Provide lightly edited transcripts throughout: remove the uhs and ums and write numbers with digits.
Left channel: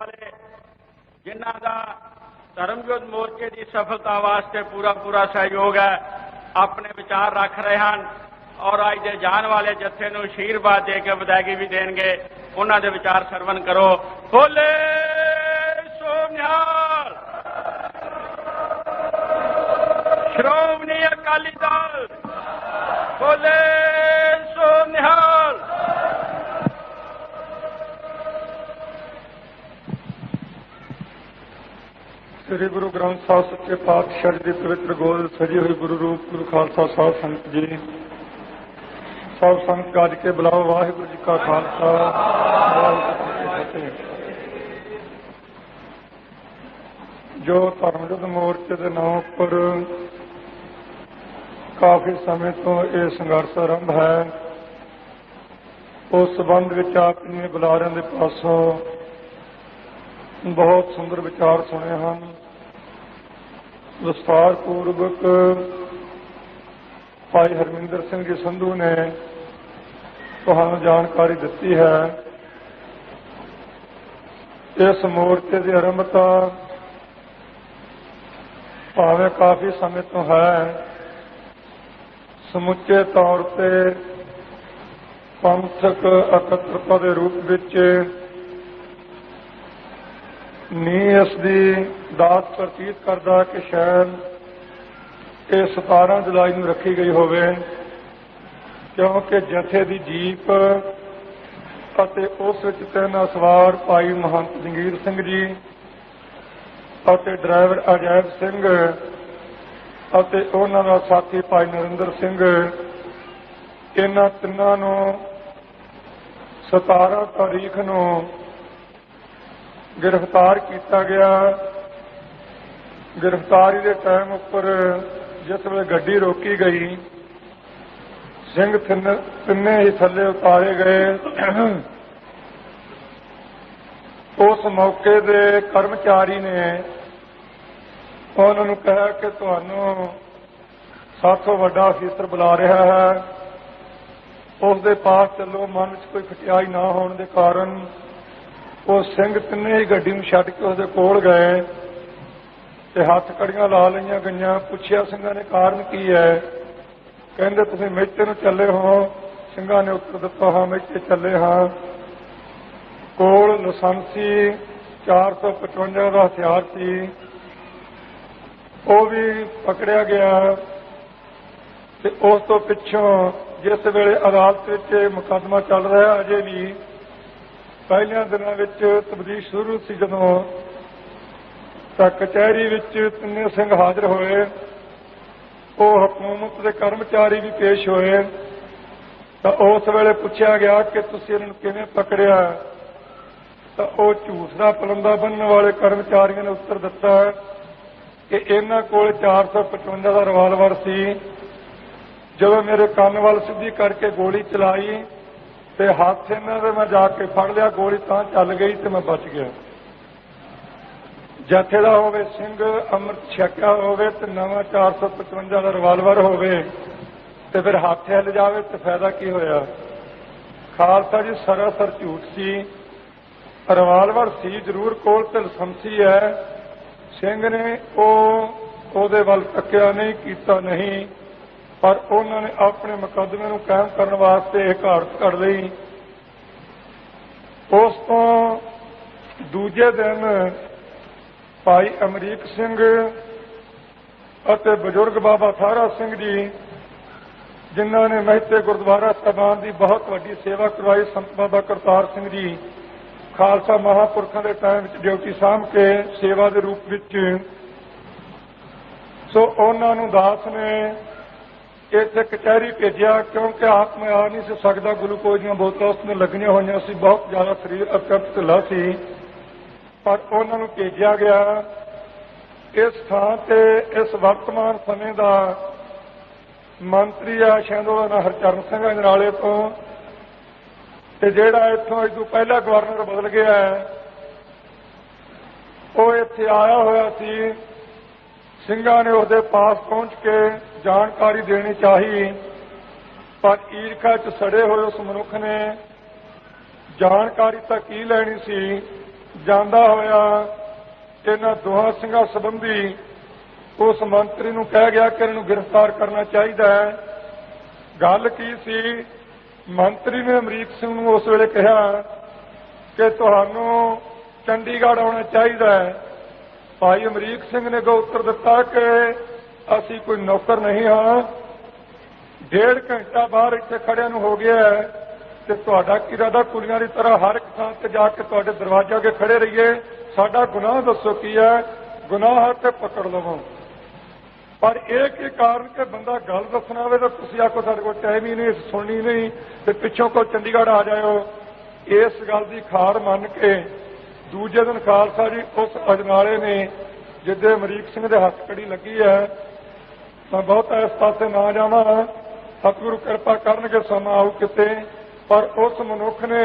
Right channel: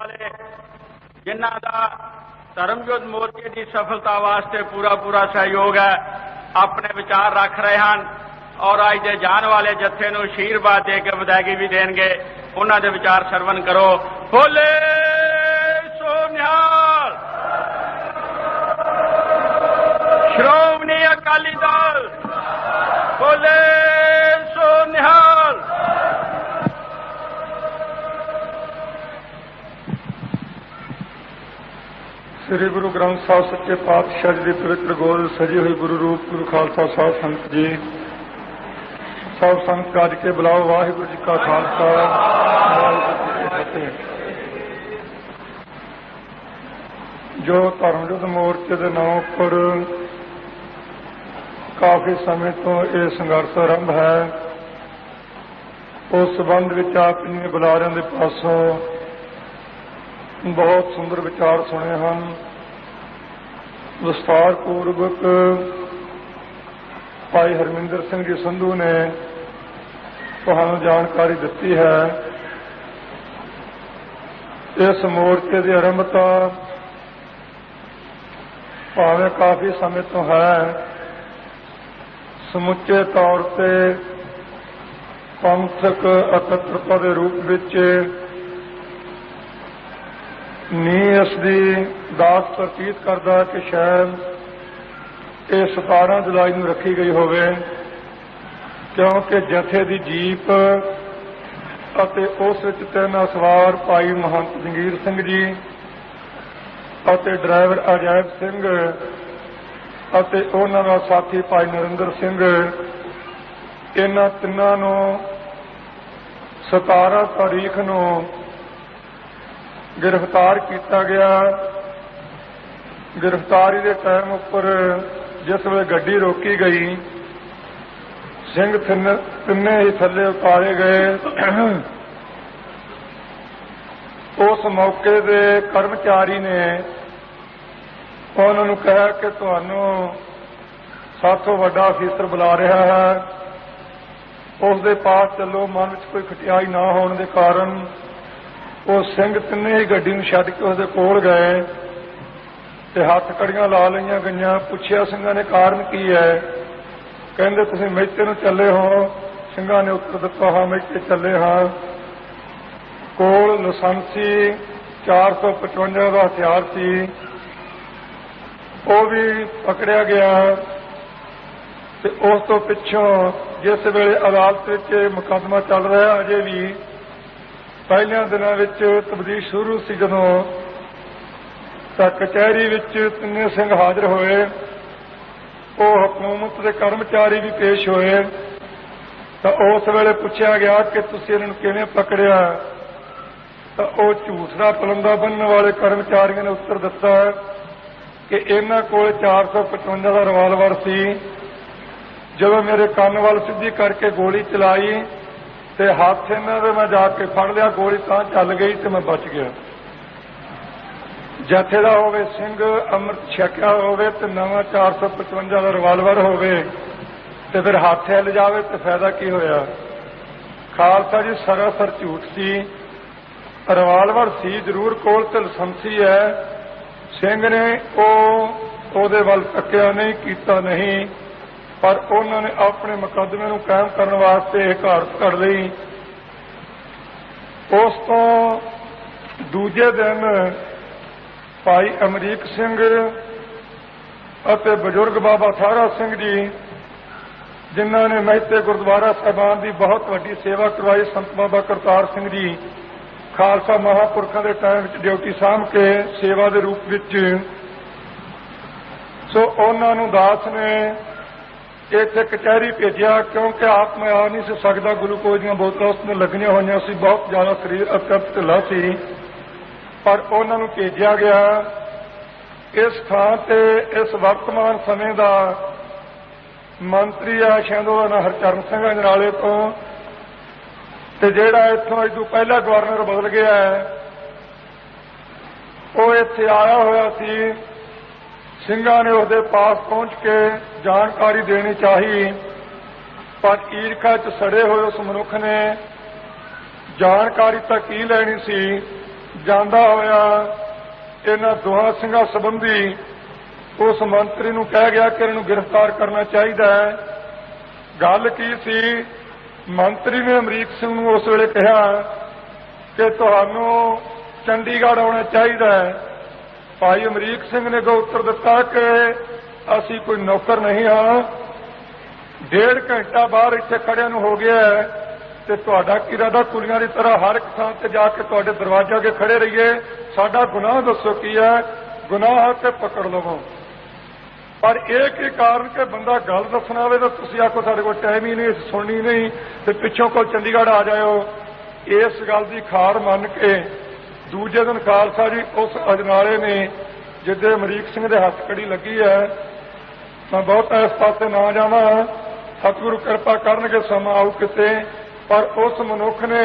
वाले जिन्हां दा धर्मयुद्ध मोर्चे की सफलता वास्ते पूरा पूरा सहयोग है, अपने विचार रख रहे हैं और अज दे जान वाले जत्थे नूं आशीर्वाद दे के विदायगी भी देंगे। उन्हां दे विचार सरवण करो। बोले सो निहाल। श्रोमणी अकाली दल बोले सो निहाल। श्री गुरु ग्रंथ साहिब सच्चे पातशाह जी की पवित्र गोद सजी हुई गुरु रूप गुरु खालसा साहिब संत जी सब संत काज के बुलाओ। वाहिगुरु जी का खालसा वाहिगुरु जी की फतेह। जो धर्मयुद्ध मोर्चे के नाम पर काफी समय तो यह संघर्ष आरंभ है, उस संबंध में आप इन बुलारियों के पासों बहुत सुंदर विचार सुने हैं। विस्तार पूर्वक भाई हरमिंदर सिंह जी संधू ने तुहानू जानकारी दी है। इस मोर्चे की आरंभता भावें काफी समय तो है, समुचे तौर पर पंथक एकत्रता के रूप में नी इसकी दास प्रतीत करता कि शायद ये 17 जुलाई को रखी गई होवे, क्योंकि जथे की जीप अते उस तीन सवार भाई महंत जंगीर सिंह जी अते ड्राइवर अजैब सिंह अते उन्हां दा साथी भाई नरिंदर सिंह, इन्हां तिन्हां नूं 17 तारीख नूं गिरफ्तार किया गया। गिरफ्तारी के टाइम उपर जिस वे गड्डी रोकी गई, सिंह तिन्ने ही थले उतारे गए। उस मौके के कर्मचारी ने उन्होंने कहा कि तुहानू साथों वड्डा अफीसर बुला रहा है, उसके पास चलो। मन में कोई खटियाई ना होने के कारण वो सिंह तिन्ने ही गड्डी में छड्ड के उसके कोल गए ते हथ कड़ियां ला लईयां गईयां। पुछया सिंघां ने कारण की है, कहंदे तुसीं मेचे नूं चले हो। सिंघां ने उत्तर दिता हाँ मेचे चले हाँ। कोल लाइसेंसी 455 का हथियार सी, वो भी पकड़िया गया। ते उस तो पिछों जिस वेले अदालत विच मुकदमा चल रहा अजे भी पहलियां दिनों में तब्दील शुरू सी, जदों कचहरी विच तिन्ने सिंह हाजिर होए, वो हुकूमत के कर्मचारी भी पेश होए। तो उस वेले पूछा गया कि तुसीं इन्हां नूं किवें पकड़िया, तो वो झूठ दा पलंदा बन्नण वाले कर्मचारियों ने उत्तर दिता कि इन्हां कोल 455 का रिवाल्वर सी। जदों मेरे कान वाल सीधी करके गोली चलाई ते हाथ इन्हां दे मैं जाके फड़ लिया, गोली तां चल गई ते मैं बच गया। जथे दा होवे सिंह अमृत छकिया होवे ते नवां 455 का रिवाल्वर होवे ते फिर हाथ हिल जावे ते फायदा की होया। खालसा जी सरासर झूठ सी। रिवाल्वर सी जरूर कोल ते लाइसेंसी है। सिंह ने ओहदे वल तक्किया नहीं, कीता नहीं, पर उन्होंने अपने मुकदमे नूं कायम करने वास्ते यह घाट कर ली। उस तो दूजे दिन भाई अमरीक सिंह अते बजुर्ग बाबा थारा सिंह जी, जिन्होंने महते गुरुद्वारा साहिबान की बहुत वड्डी सेवा करवाई, संत बाबा करतार सिंह जी खालसा महापुरखों के टाइम ड्यूटी सामभ के सेवा के रूप में, सो उन्होंने दास ने इतने कचहरी भेजा, क्योंकि आप में आ नहीं सकता। ग्लूकोज दी बोतलां उसमें लगियां हुई सी, बहुत ज्यादा शरीर अत्यंत ढिला सी, पर उन्होंने भेजा गया। इस थां ते इस वर्तमान समय का मंत्री आ शायद उहदा नाम हरचरण सिंह अजनाले तो, ते जिहड़ा इत्थों इस तों पहला गवर्नर बदल गया है, वो इत्थे आया हुआ सी। सिंघां ने उसके पास पहुंच के जानकारी देनी चाहिए, पर ईरखा च सड़े हुए उस मनुख ने जानकारी तो की लैनी सी ਜਾਂਦਾ ਹੋਇਆ ਇਹਨਾਂ ਦੋਹਾਂ ਸਿੰਘਾਂ ਸੰਬੰਧੀ उस मंत्री नूं कह गया कि इन्हूं गिरफ्तार करना चाहिए है। गल की सी, मंत्री ने अमरीक सिंह नूं उस वेले कहा कि तुहानूं चंडीगढ़ आना चाहिए है। भाई अमरीक सिंह ने उत्तर दिता कि असीं कोई नौकर नहीं हाँ, 1.5 घंटा बाहर इत्थे खड़िया नूं हो गया है ते तुहाडा की इरादा कुड़ियां की तरह हर एक थां ते जाके तुहाडे दरवाजे अगे खड़े रहिए, साडा गुनाह दसो की है, गुनाह है कि पकड़ लवो। पर एक ही कारण कि बंदा गल दसना आवे तो तुसीं आखो साडे कोल टाइम ही नहीं, सुननी नहीं ते पिछों कोल चंडीगढ़ आ जाओ। इस गल की खार मन के दूजे दिन खालसा जी उस अजनाले ने जिद्दे अमरीक सिंह के हथ कड़ी लगी है, मैं बहुत इस पासे ना जाना, सतगुरु कृपा करनगे समा आऊ किते, पर उस मनुख ने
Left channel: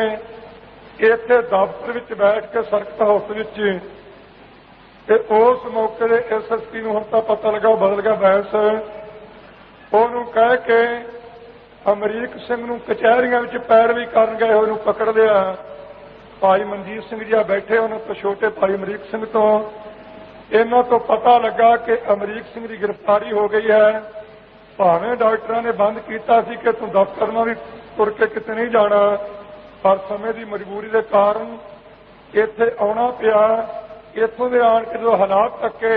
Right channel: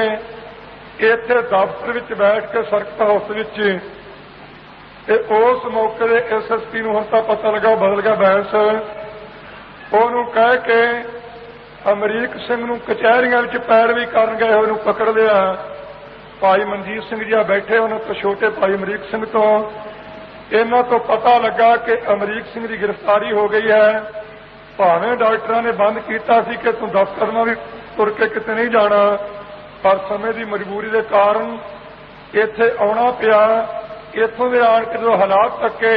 इत्थे दफ्तर विच बैठ के सर्किट हाउस विच ते उस मौके दे SSP नूं हुण तां पता लगा बदल गया बैस, उहनूं कह के अमरीक सिंह नूं कचहरियां विच पैरवी करन गए होए नूं पकड़ लिया। भाई मनजीत सिंह जी बैठे उन्हां तो छोटे भाई अमरीक सिंह तो इन्हां तो पता लगा कि अमरीक सिंह की गिरफ्तारी हो गई है। भावें डॉक्टरां ने बंद कीता सी कि तूं दफ्तर नाल भी तुर के किते नहीं जाना, पर समय की मजबूरी के कारण इत्थे आउणा पिया। इत्थों के आण के जो हालात तके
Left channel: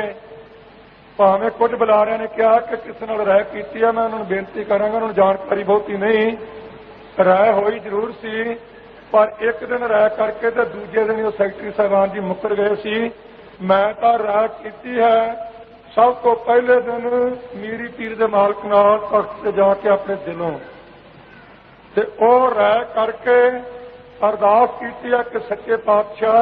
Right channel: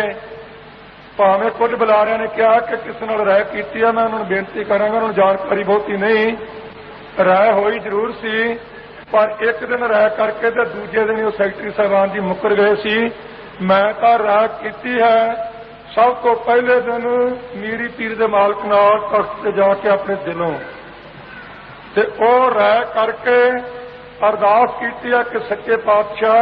भावें कुछ बुलारियां ने कहा कि किसी नाल राय की है, मैं उन्होंने बेनती करांगा, उन्होंने जानकारी बहुती नहीं, राय होई जरूर सी, पर एक दिन राय करके तो दूजे दिन वो सैकटरी साहबान जी मुकर गए सी। मैं तो राय की है सब तो पहले दिन मीरी पीर के मालक नाल तख्त से जाके अपने दिलों ते ओ राय करके अरदास की है कि सच्चे पातशाह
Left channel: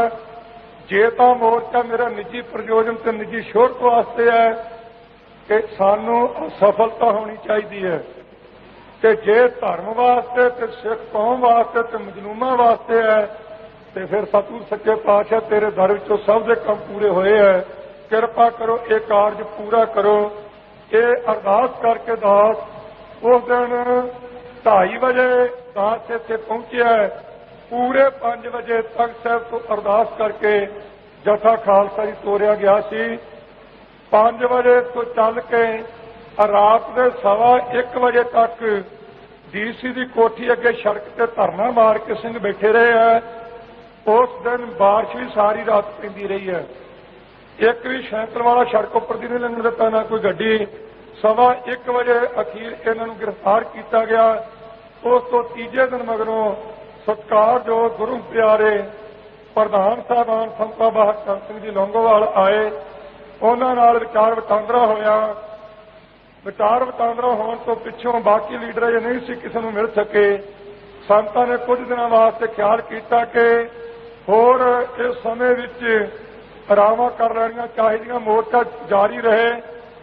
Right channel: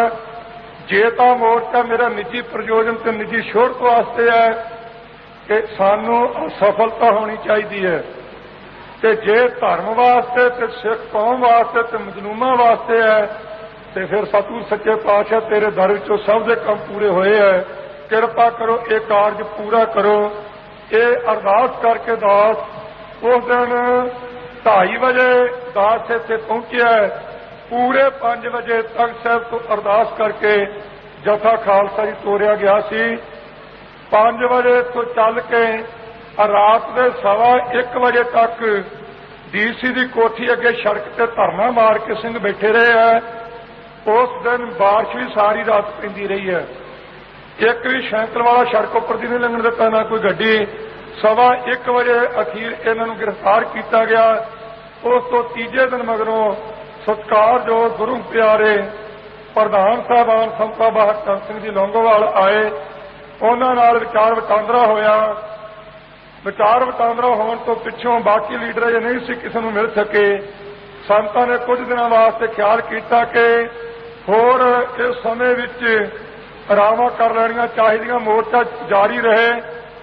जे तां मोर्चा मेरा निजी प्रयोजन ते निजी शोहरत वास्ते है कि सानू असफलता होनी चाहिए है, ते जे धर्म वास्ते ते सिख कौम वास्ते ते मजलूमां वास्ते है ते फिर सतगुर सच्चे पातशाह तेरे दर विचों सब दे काम पूरे होए है, किरपा करो ये कारज पूरा करो। ये अरदास करके दास उस दिन 2:30 बजे दास इत्थे पहुंचिया है। पूरे 5 बजे तख्त साहब तो अरदास करके जथा खालसा जी तोरिया गया सी। 5 बजे तो चल के रात के 1:15 बजे तक DC की कोठी अगे सड़क से धरना मार के सिंह बैठे रहे हैं। उस दिन बारिश भी सारी रात पैंदी रही है, एक भी साइकिल वाला सड़क उपर की नहीं लंघन दिता, ना कोई गड्डी। 1:15 बजे अखीर इन्हों गिरफ्तार किया गया। उस तो तीजे दिन मगरों सत्कार जो गुरु प्यारे प्रधान साहबान संत बाबा हरचंद सिंह जी लौंगोवाल आए, उन्होंने नाल विचार वटांदरा होया। विचार वटांदरा होने तो पिछों बाकी लीडर जो नहीं सी किसी को मिल सके, संतां ने कुछ दिनों वास्ते ख्याल किया कि होर इस समय विच रावां कर लैणियां चाहिदियां, मोर्चा जारी रहे,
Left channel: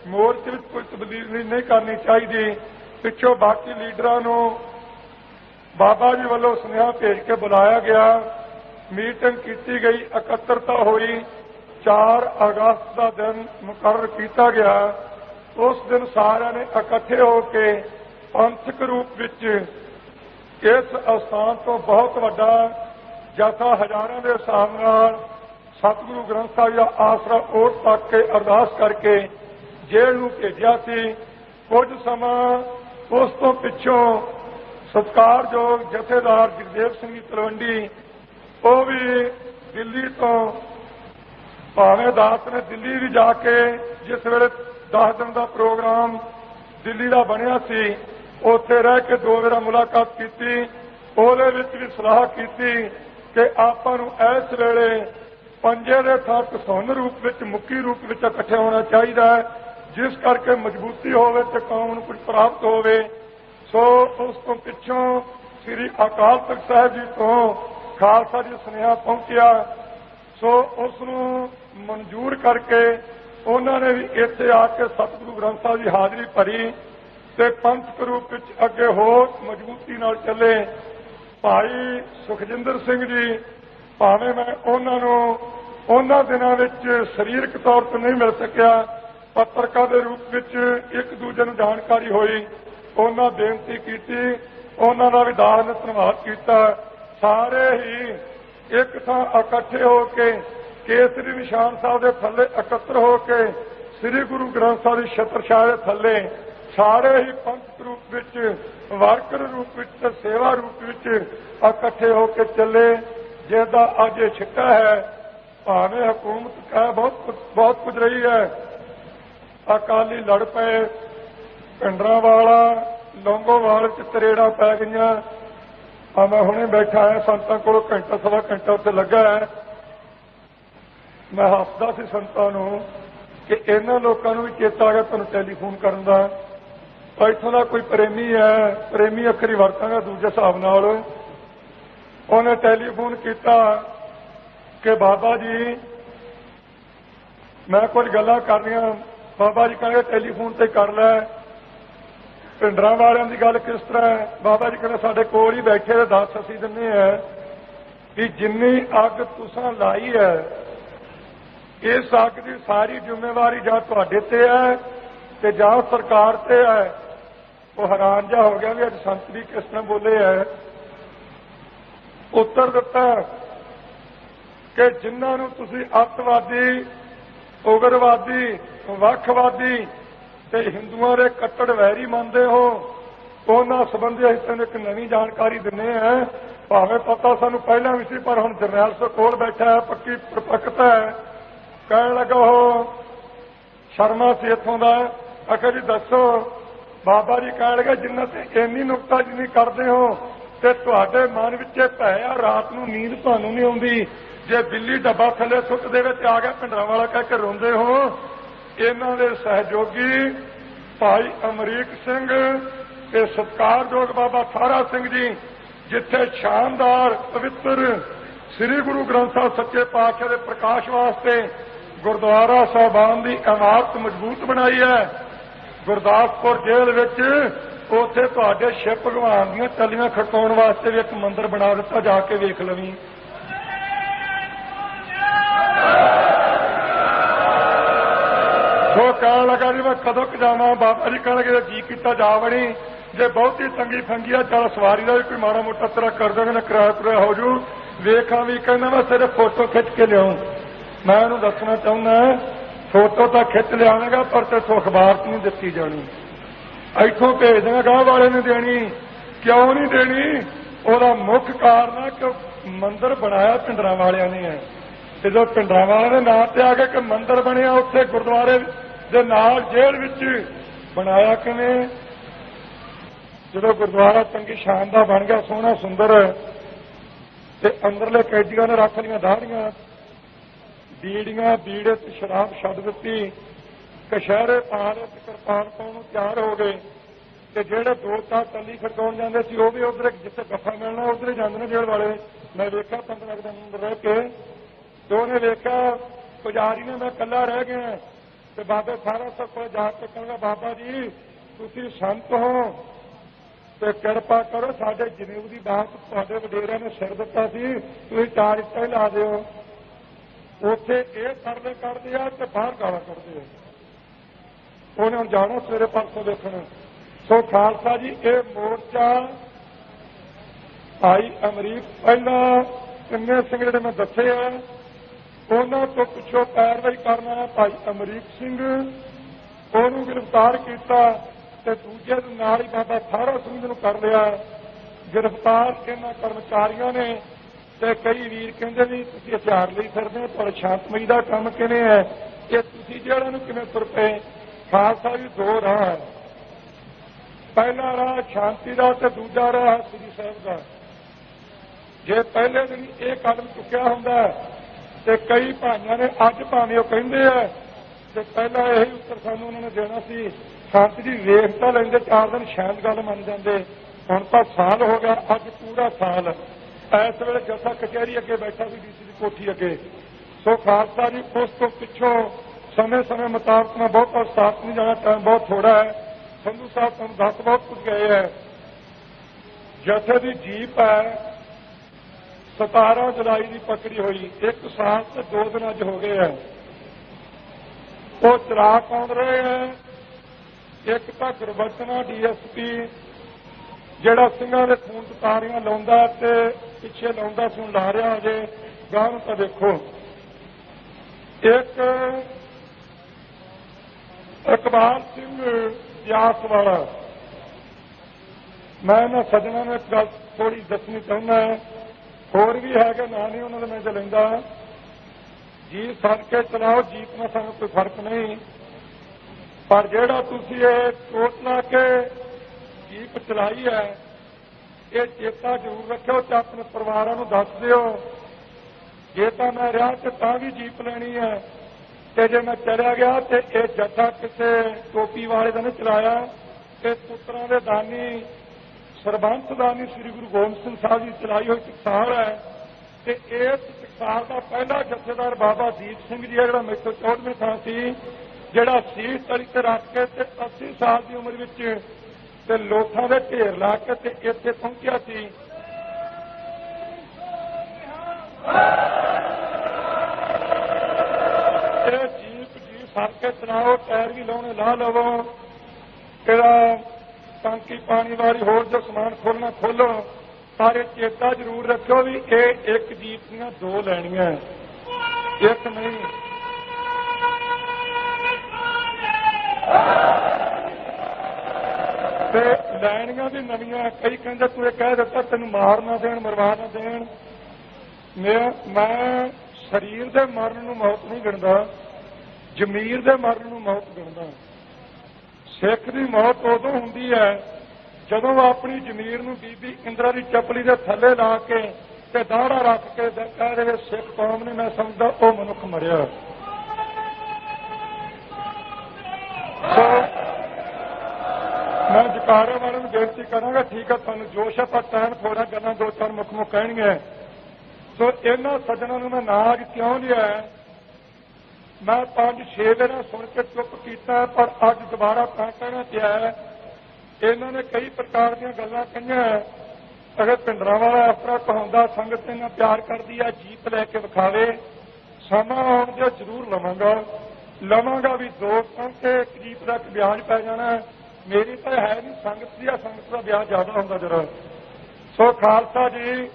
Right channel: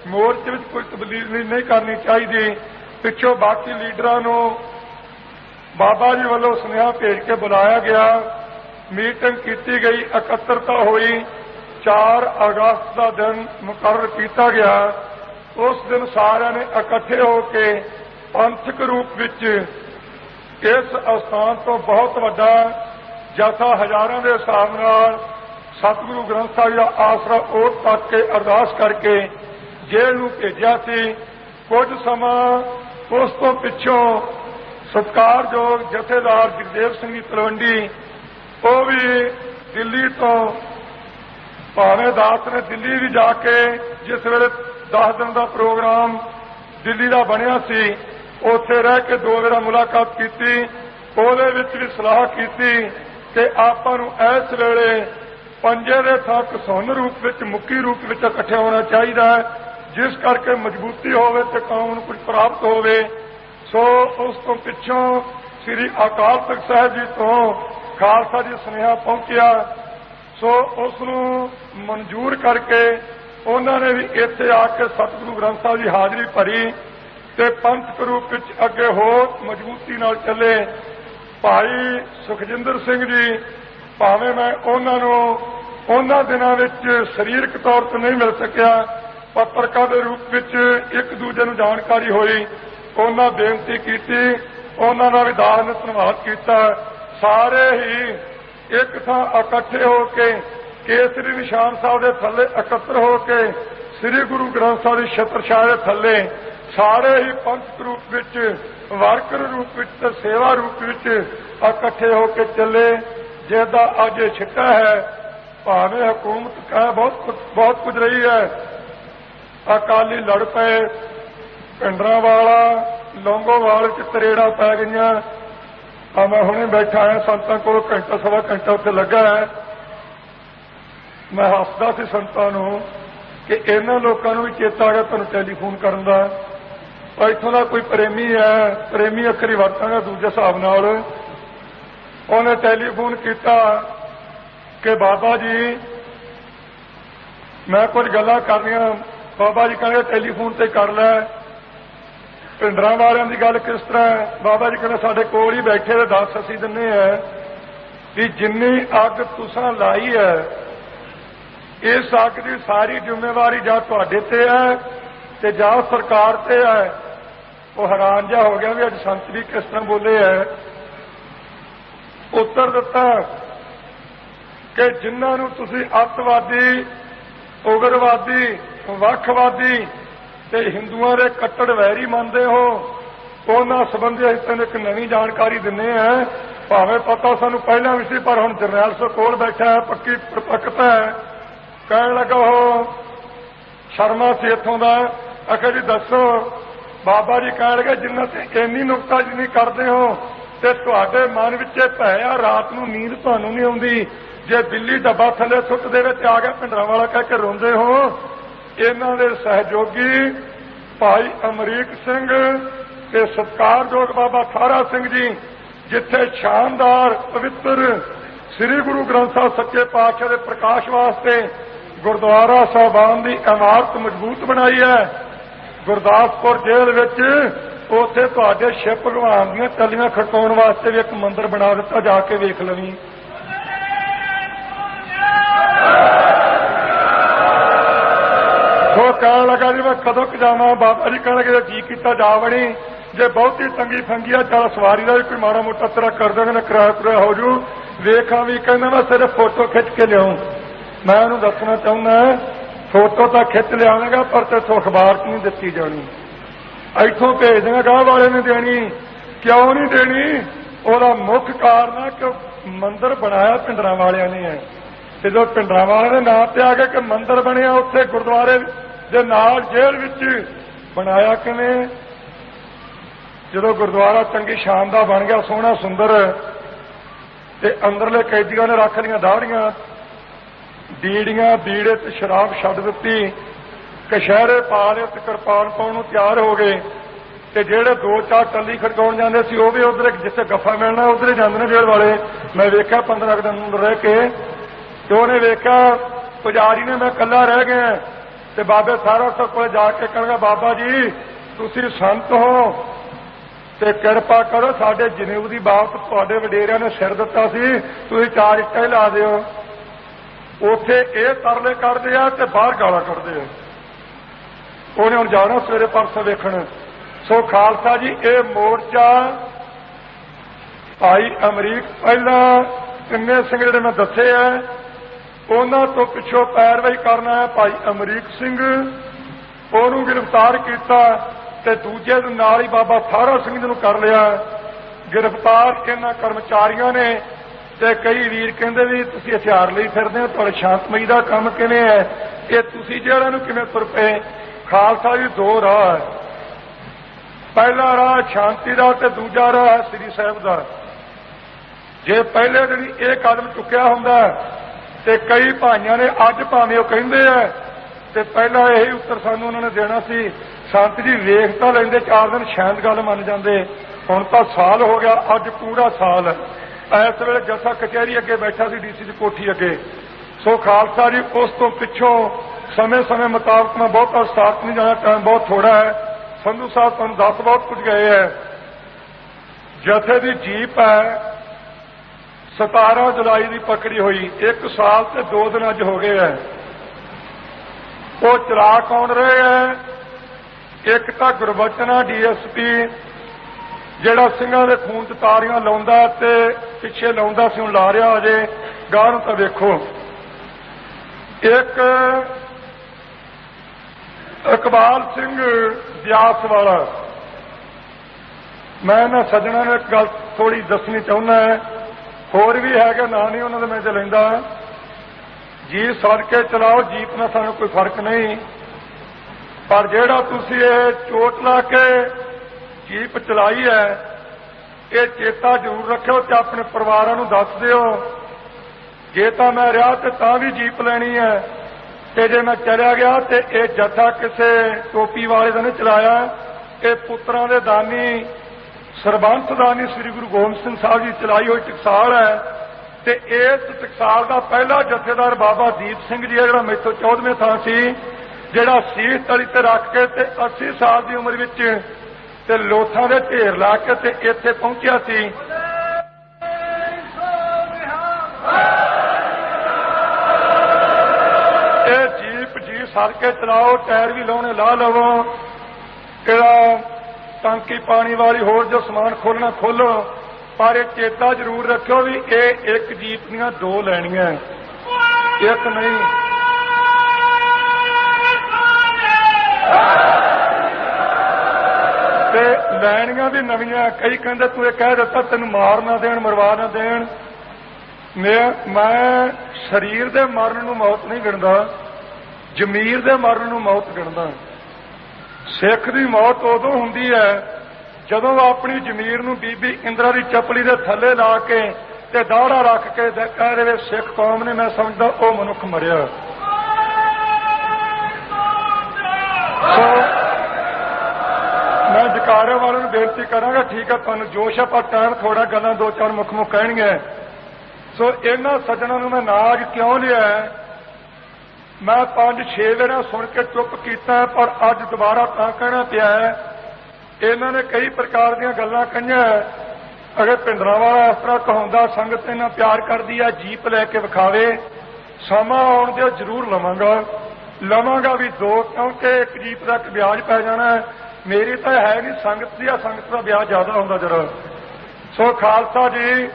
मोर्चे विच कोई तब्दीली नहीं करनी चाहिए। पिछों बाकी लीडरां नूं बाबा जी वालों सुनेहा भेज के बुलाया गया, मीटिंग की गई, एकत्रता हुई, 4 अगस्त का दिन मुकर्रर किया गया। उस दिन सारे ने इकट्ठे होकर पंथक रूप विच इस स्थान तो बहुत वड्डा जथा हजारों के हिसाब नाल सतगुरु ग्रंथ साहिब का आसरा ओट तक के अरदास करके जेल नूं भेजिया सी। कुछ समा उस तो पिछों सत्कारयोग जथेदार जगदेव सिंह जी तलवंडी वो भी दिल्ली तो भावें दास ने दिल्ली भी जाके जिस वेले 10 दिन का प्रोग्राम दिल्ली का बनया सी, उत्थे रह के 2 बार मुलाकात की, ਉਹਦੇ ਵਿੱਚ भी सलाह की कि ਆਪਾਂ ਨੂੰ इस वेले पंजे ਦੇ ਥਾਂ ਘਸੁੰਨ रूप ਵਿੱਚ मुक्की रूप ਵਿੱਚ इकट्ठे होना चाहिए है, जिस करके मजबूती होवे ते कौम ਨੂੰ कुछ प्राप्त होवे। सो उस तो पिछों श्री अकाल तख्त साहब जी तो खालसा जी सुनेहा पहुंचा। सो उसनूं मंजूर करके उन्होंने भी इत्थे आके सतगुरु ग्रंथ साहिब की हाजरी भरी ते पंथक रूप विच अगे हो मजबूती नाल चले। भाई सुखजिंदर सिंह जी भावें मैं उन्होंने दिनों विच शरीरक तौर पर नहीं मिल सकिया, पत्रकार के रूप विच एक दूजे नूं जानकारी हुई, उन्होंने बेनती की, उन्होंने भी दास ने धन्यवाद किया। सारे ही एक थां इकट्ठे होके केसरी निशान साहब के थले एकत्र होके श्री गुरु ग्रंथ साहब की छत्रछाया के थले सारे ही पंथ रूप विच वर्कर रूप विच ते सेवा रूप विच इकट्ठे होके चले, जिसदा अज छिट्टा है। भावें हुकूमत कह बहुत कुछ रही है, अकाली लड़ पे, पिंडरांवाला लौंगोवाल च तरेड़ा पै गई। मैं हुणे बैठा है संतां कोल घंटा सवा घंटा उत्थे लगा है। मैं हसदा सी संतां नूं कि इन्हां लोकां नूं भी चेता आ गया तुहानूं टैलीफोन करन दा। इत्थों का कोई प्रेमी है, प्रेमी अखरी वरतांगा दूजे हिसाब नाल, उन्हें टैलीफोन किया कि बाबा जी मैं कुछ गल्लां करनियां। बाबा जी कहंदे टैलीफोन ते कर लै। पिंडरां वालियां दी गल किस तरह है? बाबा जी कहंदे साडे कोल ही बैठे ते दस असीं दिन्ने हैं भी जिन्नी अग तुसां लाई है इस अग की सारी जिम्मेवारी जां तुहाडे ते है ते जां सरकार ते है। वो हैरान जिहा हो गया भी अज संत भी किस तरह बोले है। उत्तर दिता कि जिन्हां नूं तुसीं अतवादी, उग्रवादी, वखवादी ते हिंदुआं दे कट्टड़ वैरी मानते हो, उन्हां संबंधी असीं तैनूं एक नवीं जानकारी दिंदे हैं। भावें पता सानूं पहलां भी सी पर हुण जरनैल सिंह कोल बैठा है, पक्की प्रपक्ता है। कहण लगा हो शर्मा सी इत्थों दा, आखिया जी दसो। बाबा जी कह लगे जिन्ना ते इन्नी नुक्ताचीनी करते हो ते तुहाडे मन विच भै आ, रात नूं नींद तुहानूं नहीं आउंदी। जे बिल्ली डब्बा थले सुੱਟ देवे ते आ गया पिंडरांवाला कह के रोंदे हो। इन्हां दे सहयोगी भाई अमरीक सिंह ते सत्कारयोग बाबा थारा सिंह जी जिथे शानदार पवित्र श्री गुरु ग्रंथ साहब सच्चे पातशाह के प्रकाश वास्ते गुरुद्वारा साहबान की इमारत मजबूत बनाई है। गुरदासपुर जेल विच उत्थे तुहाडे शिव भगवान दीआं टल्लियां खड़काउण वास्ते भी एक मंदिर बना दिता, जाके वेख लवीं। सो कहण लगा जी मैं कदों क जावां? बाबा जी कहण लगे जी कीता जा वड़ी, जे बहुती तंगी फंगी है चल सवारी का भी कोई माड़ा मोटा तेरा कर देंगे ना, किराया कुराया हो जू। वेखा भी कहना मैं सिर्फ फोटो खिंच के लियाऊं। मैं उन्होंने दसना चाहना फोटो तो खिंच लियावेगा पर तेथों अखबार च नहीं दिती जानी, इथों भेज देंगे गांह वाले ने देनी। क्यों नहीं देनी? ਉਹਦਾ मुख कारण है कि मंदिर बनाया पिंडरां वालियां ने है ते जो पिंडरां वालियां दे नाम ते आ गए कि मंदिर बनिया उत्थे गुरुद्वारे दे नाल जेल विच बनाया किवें? जो गुरुद्वारा चंगी शानदार बन गया सोहना सुंदर ते अंदरले कैदियों ने रख लिया दाड़ियां बीड़ियां बीड़े ते शराब छड्ड दित्ती, कशहरे पा लए ते किरपान पाउण नूं तैयार हो गए ते जेड़े दो चार टल्ली खड़काउण जांदे सी ओह भी उधर जिथे गफ्फा मिलना उधर ही जांदे ने जेल वाले। मैं वेख्या 15 दिन अंदर रह के ते उहने वेख्या पुजारी ने मैं कल्ला रह गया ते बाबे सारा सौ कोल जाके कहणगा बाबा जी तुसीं संत हो ते किरपा करो साडे जनेऊ दी बात तुहाडे वडेरिਆਂ ने सिर दिता सी, तुसीं 4 ਇੱਟਾਂ ला दिओ। ਉੱਥੇ ਇਹ ਤਰਲੇ ਕਰਦੇ ਆ ਤੇ ਬਾਹਰ ਗਾਲਾਂ ਕੱਢਦੇ ਆ। ਉਹਨੇ ਹੁਣ ਜਾਣਾ ਸਵੇਰੇ ਪਰਸੋਂ ਵੇਖਣ। ਸੋ ਖਾਲਸਾ ਜੀ ਇਹ ਮੋਰਚਾ ਭਾਈ ਅਮਰੀਕ ਪਹਿਲਾਂ ਤਿੰਨੇ ਸਿੰਘ ਜਿਹੜੇ ਮੈਂ ਦੱਸੇ ਆ ਉਹਨਾਂ ਤੋਂ ਪਿੱਛੋਂ ਪੈਰਵਾਈ ਕਰਨਾ ਹੈ ਭਾਈ ਅਮਰੀਕ ਸਿੰਘ, ਉਹਨੂੰ ਗ੍ਰਿਫਤਾਰ ਕੀਤਾ ਤੇ ਦੂਜੇ ਦੇ ਨਾਲ ਹੀ ਬਾਬਾ ਥਾਰਾ ਸਿੰਘ ਨੂੰ ਕਰ ਲਿਆ गिरफ्तार। ਇਹਨਾਂ ਕਰਮਚਾਰੀਆਂ ਨੇ ਤੇ ਕਈ ਵੀਰ ਕਹਿੰਦੇ ਵੀ ਤੁਸੀਂ ਹਥਿਆਰ ਲਈ ਫਿਰਦੇ ਹੋ, ਤੁਹਾਡੇ ਸ਼ਾਂਤਮਈ ਦਾ ਕੰਮ ਕਿਵੇਂ ਹੈ? ਇਹ ਤੁਸੀਂ ਜਿਹੜਾ ਨੂੰ ਕਿਵੇਂ ਤੁਰ ਪਏ? ਖਾਲਸਾ ਜੀ ਦੋ ਰਾਹ ਹੈ, ਪਹਿਲਾ ਰਾਹ ਸ਼ਾਂਤੀ ਦਾ ਤੇ ਦੂਜਾ ਰਾਹ ਹੈ ਸ੍ਰੀ ਸਾਹਿਬ ਦਾ। ਜੇ ਪਹਿਲੇ ਦਿਨ ਇਹ ਕਦਮ ਚੁੱਕਿਆ ਹੁੰਦਾ ਤੇ ਕਈ ਭਾਈਆਂ ਨੇ ਅੱਜ ਭਾਵੇਂ ਉਹ ਕਹਿੰਦੇ ਆ ਤੇ ਪਹਿਲਾਂ ਇਹੀ ਉੱਤਰ ਸਾਨੂੰ ਉਹਨਾਂ ਨੇ ਦੇਣਾ ਸੀ ਸੰਤ ਜੀ ਵੇਖ ਤਾਂ ਲੈਂਦੇ 4 ਦਿਨ ਸ਼ਾਇਦ ਗੱਲ ਮੰਨ ਜਾਂਦੇ। ਹੁਣ ਤਾਂ ਸਾਲ ਹੋ ਗਿਆ, ਅੱਜ ਪੂਰਾ ਸਾਲ ਇਸ ਵੇਲੇ ਜੱਸਾ ਕਚਹਿਰੀ ਅੱਗੇ ਬੈਠਾ ਸੀ ਡੀਸੀ ਦੀ ਕੋਠੀ ਅੱਗੇ। ਸੋ ਖਾਲਸਾ ਜੀ ਉਸ ਤੋਂ ਪਿੱਛੋਂ ਸਮੇਂ ਮੁਤਾਬਕ ਮੈਂ ਬਹੁਤਾ ਸਾਥ ਨਹੀਂ ਜਾਣਾ, ਟਾਈਮ ਬਹੁਤ ਥੋੜਾ ਹੈ। ਸੰਧੂ ਸਾਹਿਬ ਤੁਹਾਨੂੰ ਦੱਸ ਬਹੁਤ ਕੁਝ ਗਏ ਹੈ। ਜਥੇ ਦੀ ਜੀਪ ਹੈ 17 ਜੁਲਾਈ ਦੀ ਪਕੜੀ ਹੋਈ, 1 ਸਾਲ ਤੇ 2 ਦਿਨ ਅੱਜ ਹੋ ਗਏ ਹੈ। ਉਹ ਚਲਾ ਕੌਣ ਰਹੇ ਹੈ? ਇੱਕ ਤਾਂ ਗੁਰਬਚਨਾ DSP ਜਿਹੜਾ ਸਿੰਘਾਂ ਦੇ ਖੂਨ 'ਚ ਤਾਰੀਆਂ ਲਾਉਂਦਾ ਤੇ ਪਿੱਛੇ ਲਾਉਂਦਾ ਸੀ, ਹੁਣ ਲਾ ਰਿਹਾ ਅਜੇ ਗਾਹ ਨੂੰ ਤਾਂ ਵੇਖੋ। ਇੱਕ ਇਕਬਾਲ ਸਿੰਘ ਬਿਆਸ ਵਾਲਾ, ਮੈਂ ਇਹਨਾਂ ਸੱਜਣਾਂ ਨੂੰ ਇੱਕ ਗੱਲ ਥੋੜੀ ਦੱਸਣੀ ਚਾਹੁੰਦਾ, ਹੋਰ ਵੀ ਹੈਗਾ, ਨਾਂ ਨਹੀਂ ਉਹਨਾਂ ਦਾ ਮੈਂ ਚ ਲੈਂਦਾ। ਜੀਪ ਸੜ ਕੇ ਚਲਾਓ, ਜੀਪ ਨਾਲ ਸਾਨੂੰ ਕੋਈ ਫਰਕ ਨਹੀਂ, ਪਰ ਜਿਹੜਾ ਤੁਸੀਂ ਇਹ ਚੋਟ ਲਾ ਕੇ ਜੀਪ ਚਲਾਈ ਹੈ, ਇਹ ਚੇਤਾ ਜ਼ਰੂਰ ਰੱਖਿਓ ਤੇ ਆਪਣੇ ਪਰਿਵਾਰਾਂ ਨੂੰ ਦੱਸ ਦਿਓ। ਜੇ ਤਾਂ ਮੈਂ ਰਿਹਾ ਤੇ ਤਾਂ ਵੀ ਜੀਪ ਲੈਣੀ ਹੈ, ਤੇ ਜੇ ਮੈਂ ਚਲਿਆ ਗਿਆ ਤੇ ਇਹ ਜੱਥਾ ਕਿਸੇ ਟੋਪੀ ਵਾਲੇ ਦਾ ਨਹੀਂ ਚਲਾਇਆ, ਇਹ ਪੁੱਤਰਾਂ ਦੇ ਦਾਨੀ ਸਰਬੰਸ ਦਾਨੀ ਸ੍ਰੀ ਗੁਰੂ ਗੋਬਿੰਦ ਸਿੰਘ ਸਾਹਿਬ ਜੀ ਚਲਾਈ ਹੋਈ ਟਕਸਾਲ ਹੈ। ਤੇ ਇਸ ਟਕਸਾਲ ਦਾ ਪਹਿਲਾ ਜਥੇਦਾਰ ਬਾਬਾ ਦੀਪ ਸਿੰਘ ਜੀ ਹੈ, ਜਿਹੜਾ ਮੈਥੋਂ 14ਵੇਂ ਥਾਂ ਸੀ, ਜਿਹੜਾ ਸੀਸ ਤਲੀ ਤੇ ਰੱਖ ਕੇ ਤੇ 80 ਸਾਲ ਦੀ ਉਮਰ ਵਿੱਚ ਤੇ ਲੋਥਾਂ ਦੇ ਢੇਰ ਲਾ ਕੇ ਤੇ ਇੱਥੇ ਪਹੁੰਚਿਆ ਸੀ। ਇਹ ਜੀਪ ਜੀ ਸਰ ਕੇ ਚਲਾਓ, ਟਾਇਰ ਵੀ ਲਾਉਣੇ ਲਾ ਲਵੋ, ਇਹਦਾ ਟਾਂਕੀ ਪਾਣੀ ਵਾਲੀ ਹੋਰ ਜੋ ਸਮਾਨ ਖੋਲਣਾ ਖੋਲੋ, ਪਰ ਇਹ ਚੇਤਾ ਜ਼ਰੂਰ ਰੱਖਿਓ ਵੀ ਇਹ ਇੱਕ ਜੀਪ ਦੀਆਂ ਦੋ ਲੈਣੀਆਂ, ਇੱਕ ਨਹੀਂ। ਤੇ ਲੈਣੀਆਂ ਵੀ ਨਵੀਆਂ। ਕਈ ਕਹਿੰਦੇ ਤੂੰ ਇਹ ਕਹਿ ਦਿੱਤਾ ਤੈਨੂੰ ਮਾਰ ਨਾ ਦੇਣ, ਮਰਵਾ ਨਾ ਦੇਣ। ਮੈਂ ਸਰੀਰ ਦੇ ਮਰਨ ਨੂੰ ਮੌਤ ਨਹੀਂ ਗਿਣਦਾ, ਜ਼ਮੀਰ ਦੇ ਮਰਨ ਨੂੰ ਮੌਤ ਗਿਣਦਾ। ਸਿੱਖ ਦੀ ਮੌਤ ਉਦੋਂ ਹੁੰਦੀ ਹੈ ਜਦੋਂ ਆਪਣੀ ਜ਼ਮੀਰ ਨੂੰ ਬੀਬੀ ਇੰਦਰਾ ਦੀ ਚੱਪਲੀ ਦੇ ਥੱਲੇ ਲਾ ਕੇ ਤੇ ਦਾੜਾ ਰੱਖ ਕੇ ਕਹਿ ਦੇਵੇ ਸਿੱਖ ਕੌਮ ਨੇ, ਮੈਂ ਸਮਝਦਾ ਉਹ ਮਨੁੱਖ ਮਰਿਆ। ਸੋ ਮੈਂ ਜਕਾਰੇ ਵਾਲਿਆਂ ਨੂੰ ਬੇਨਤੀ ਕਰਾਂਗਾ, ਠੀਕ ਹੈ ਤੁਹਾਨੂੰ ਜੋਸ਼ ਹੈ, ਪਰ ਟਾਈਮ ਥੋੜਾ, ਗੱਲਾਂ ਦੋ ਚਾਰ ਮੁੱਖ ਕਹਿਣਗੀਆਂ। ਸੋ ਇਹਨਾਂ ਸੱਜਣਾਂ ਨੂੰ ਮੈਂ ਨਾਜ ਕਿਉਂ ਲਿਆ, ਮੈਂ 5-6 ਵਾਰ ਸੁਣ ਕੇ ਚੁੱਪ ਕੀਤਾ, ਪਰ ਅੱਜ ਦੁਬਾਰਾ ਤਾਂ ਕਹਿਣਾ ਪਿਆ ਹੈ। ਇਹਨਾਂ ਨੇ ਕਈ ਪ੍ਰਕਾਰ ਦੀਆਂ ਗੱਲਾਂ ਕਹੀਆਂ। ਅਗਰ ਪਿੰਡਰਾਂ ਵਾਲਾ ਇਸ ਤਰ੍ਹਾਂ ਕਹਾਉਂਦਾ ਸੰਗਤ ਇਹਨਾਂ ਪਿਆਰ ਕਰਦੀ ਆ, ਜੀਪ ਲੈ ਕੇ ਵਿਖਾਵੇ, ਸਮਾਂ ਆਉਣ ਦੇ ਜ਼ਰੂਰ ਲਵਾਂਗਾ ਵੀ ਦੋ, ਕਿਉਂਕਿ ਇੱਕ ਜੀਪ ਦਾ ਵਿਆਜ ਪੈ ਜਾਣਾ। ਮੇਰੀ ਤਾਂ ਹੈ ਨਹੀਂ, ਸੰਗਤ ਦੀ ਆ, ਸੰਗਤ ਦਾ ਵਿਆਜ ਜ਼ਿਆਦਾ ਹੁੰਦਾ ਜਰਾ। ਸੋ ਖਾਲਸਾ ਜੀ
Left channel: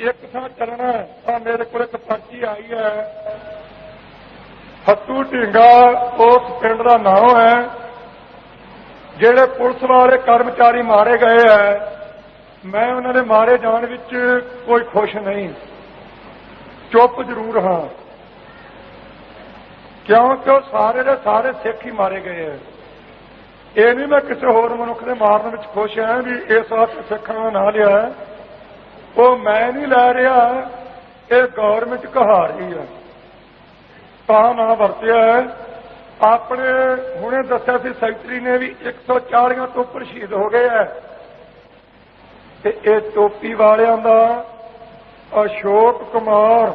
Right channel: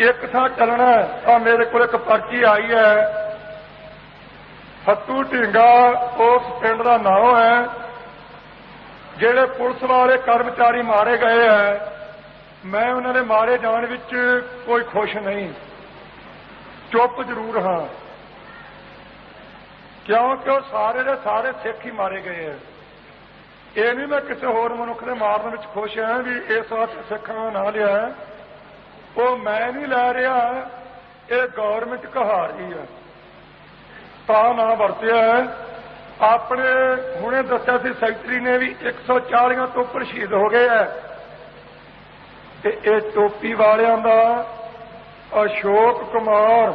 ਇੱਕ ਥਾਂ ਚੱਲਣਾ ਤਾਂ ਮੇਰੇ ਕੋਲ ਇੱਕ ਪਰਚੀ ਆਈ ਹੈ, ਫੱਤੂ ਢੀਂਗਾ ਉਸ ਪਿੰਡ ਦਾ ਨਾਮ ਹੈ, ਜਿਹੜੇ ਪੁਲਿਸ ਵਾਲੇ ਕਰਮਚਾਰੀ ਮਾਰੇ ਗਏ ਹੈ। ਮੈਂ ਉਹਨਾਂ ਦੇ ਮਾਰੇ ਜਾਣ ਵਿੱਚ ਕੋਈ ਖੁਸ਼ ਨਹੀਂ, ਚੁੱਪ ਜ਼ਰੂਰ ਹਾਂ, ਕਿਉਂਕਿ ਉਹ ਸਾਰੇ ਦੇ ਸਾਰੇ ਸਿੱਖ ਹੀ ਮਾਰੇ ਗਏ ਹੈ। ਇਹ ਨਹੀਂ ਮੈਂ ਕਿਸੇ ਹੋਰ ਮਨੁੱਖ ਦੇ ਮਾਰਨ ਵਿੱਚ ਖੁਸ਼ ਹਾਂ ਵੀ ਇਸ ਵਾਸਤੇ ਸਿੱਖਾਂ ਦਾ ਨਾਂ ਲਿਆ, ਉਹ ਮੈਂ ਨਹੀਂ ਲੈ ਰਿਹਾ, ਇਹ ਗੌਰਮੈਂਟ ਕਹਾ ਰਹੀ ਹੈ ਤਾਂ ਨਾ ਵਰਤਿਆ। ਆਪਣੇ ਹੁਣੇ ਦੱਸਿਆ ਸੀ ਸੈਕਟਰੀ ਨੇ ਵੀ 140 ਤੋਂ ਉੱਪਰ ਸ਼ਹੀਦ ਹੋ ਗਏ ਹੈ। ਤੇ ਇਹ ਟੋਪੀ ਵਾਲਿਆਂ ਦਾ ਅਸ਼ੋਕ ਕੁਮਾਰ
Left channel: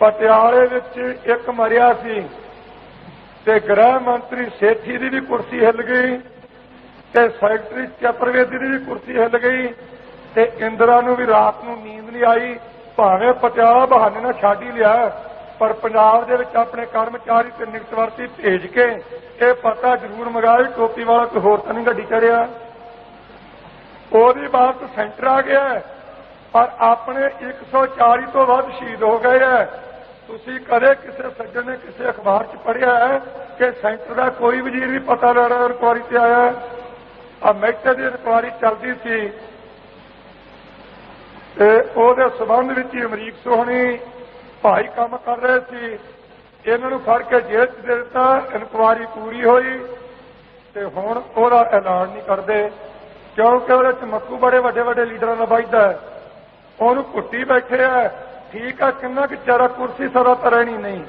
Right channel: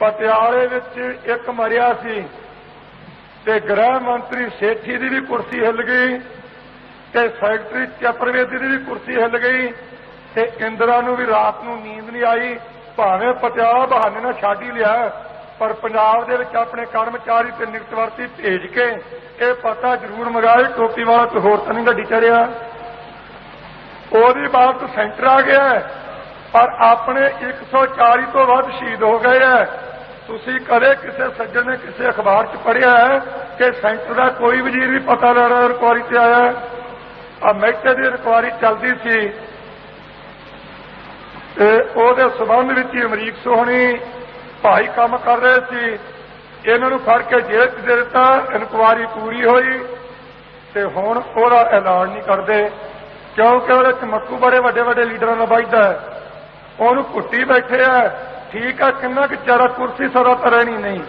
ਪਟਿਆਲੇ ਵਿੱਚ ਇੱਕ ਮਰਿਆ ਸੀ, ਤੇ ਗ੍ਰਹਿ ਮੰਤਰੀ ਸੇਠੀ ਦੀ ਵੀ ਕੁਰਸੀ ਹਿੱਲ ਗਈ, ਤੇ ਸੈਕਟਰੀ ਚਤੁਰਵੇਦੀ ਦੀ ਵੀ ਕੁਰਸੀ ਹਿੱਲ ਗਈ, ਤੇ ਇੰਦਰਾ ਨੂੰ ਵੀ ਰਾਤ ਨੂੰ ਨੀਂਦ ਨਹੀਂ ਆਈ। ਭਾਵੇਂ ਪਟਿਆਲਾ ਬਹਾਨੇ ਨਾਲ ਛੱਡ ਹੀ ਲਿਆ, ਪਰ ਪੰਜਾਬ ਦੇ ਵਿੱਚ ਆਪਣੇ ਕਰਮਚਾਰੀ ਤੇ ਨਿਯੁਕਤਵਰਤੀ ਭੇਜ ਕੇ ਇਹ ਪਤਾ ਜ਼ਰੂਰ ਮੰਗਾਇਆ ਟੋਪੀ ਵਾਲਾ ਕੋਈ ਹੋਰ ਤਾਂ ਨਹੀਂ ਗੱਡੀ ਚੜਿਆ। ਉਹਦੀ ਬਾਤ ਸੈਂਟਰ ਆ ਗਿਆ, ਪਰ ਆਪਣੇ 140 ਤੋਂ ਵੱਧ ਸ਼ਹੀਦ ਹੋ ਗਏ ਹੈ। ਤੁਸੀਂ ਕਦੇ ਕਿਸੇ ਸੱਜਣ ਨੇ ਕਿਸੇ ਅਖਬਾਰ 'ਚ ਪੜ੍ਹਿਆ ਹੈ ਕਿ ਸੈਂਟਰ ਦਾ ਕੋਈ ਵਜ਼ੀਰ ਵੀ ਪਤਾ ਲੈਣਾ ਰਿਕਵਾਰੀ ਤੇ ਆਇਆ? ਆ ਮਹਿਤੇ ਦੀ ਰਿਕਵਾਰੀ ਚੱਲਦੀ ਸੀ ਤੇ ਉਹਦੇ ਸਬੰਧ ਵਿੱਚ ਹੀ ਅਮਰੀਕ ਸੋਹਣੀ ਭਾਈ ਕੰਮ ਕਰ ਰਹੇ ਸੀ, ਇਹਨਾਂ ਨੂੰ ਫੜ ਕੇ ਜੇਲ੍ਹ 'ਚ ਦੇ ਦਿੱਤਾ। ਇਨਕੁਆਰੀ ਪੂਰੀ ਹੋਈ ਤੇ ਹੁਣ ਉਹਦਾ ਐਲਾਨ ਨਹੀਂ ਕਰਦੇ, ਕਿਉਂਕਿ ਉਹਦੇ 'ਚ ਮੱਕੂ ਬੜੇ ਵੱਡੇ ਵੱਡੇ ਲੀਡਰਾਂ ਦਾ ਵੱਜਦਾ ਹੈ, ਉਹਨੂੰ ਘੁੱਟੀ ਬੈਠੇ ਆ। ਠੀਕ ਆ, ਕਿੰਨਾ ਕੁ ਜ਼ਿਆਦਾ ਕੁਰਸੀ ਸਦਾ ਤਾਂ ਰਹਿਣੀ ਨਹੀਂ,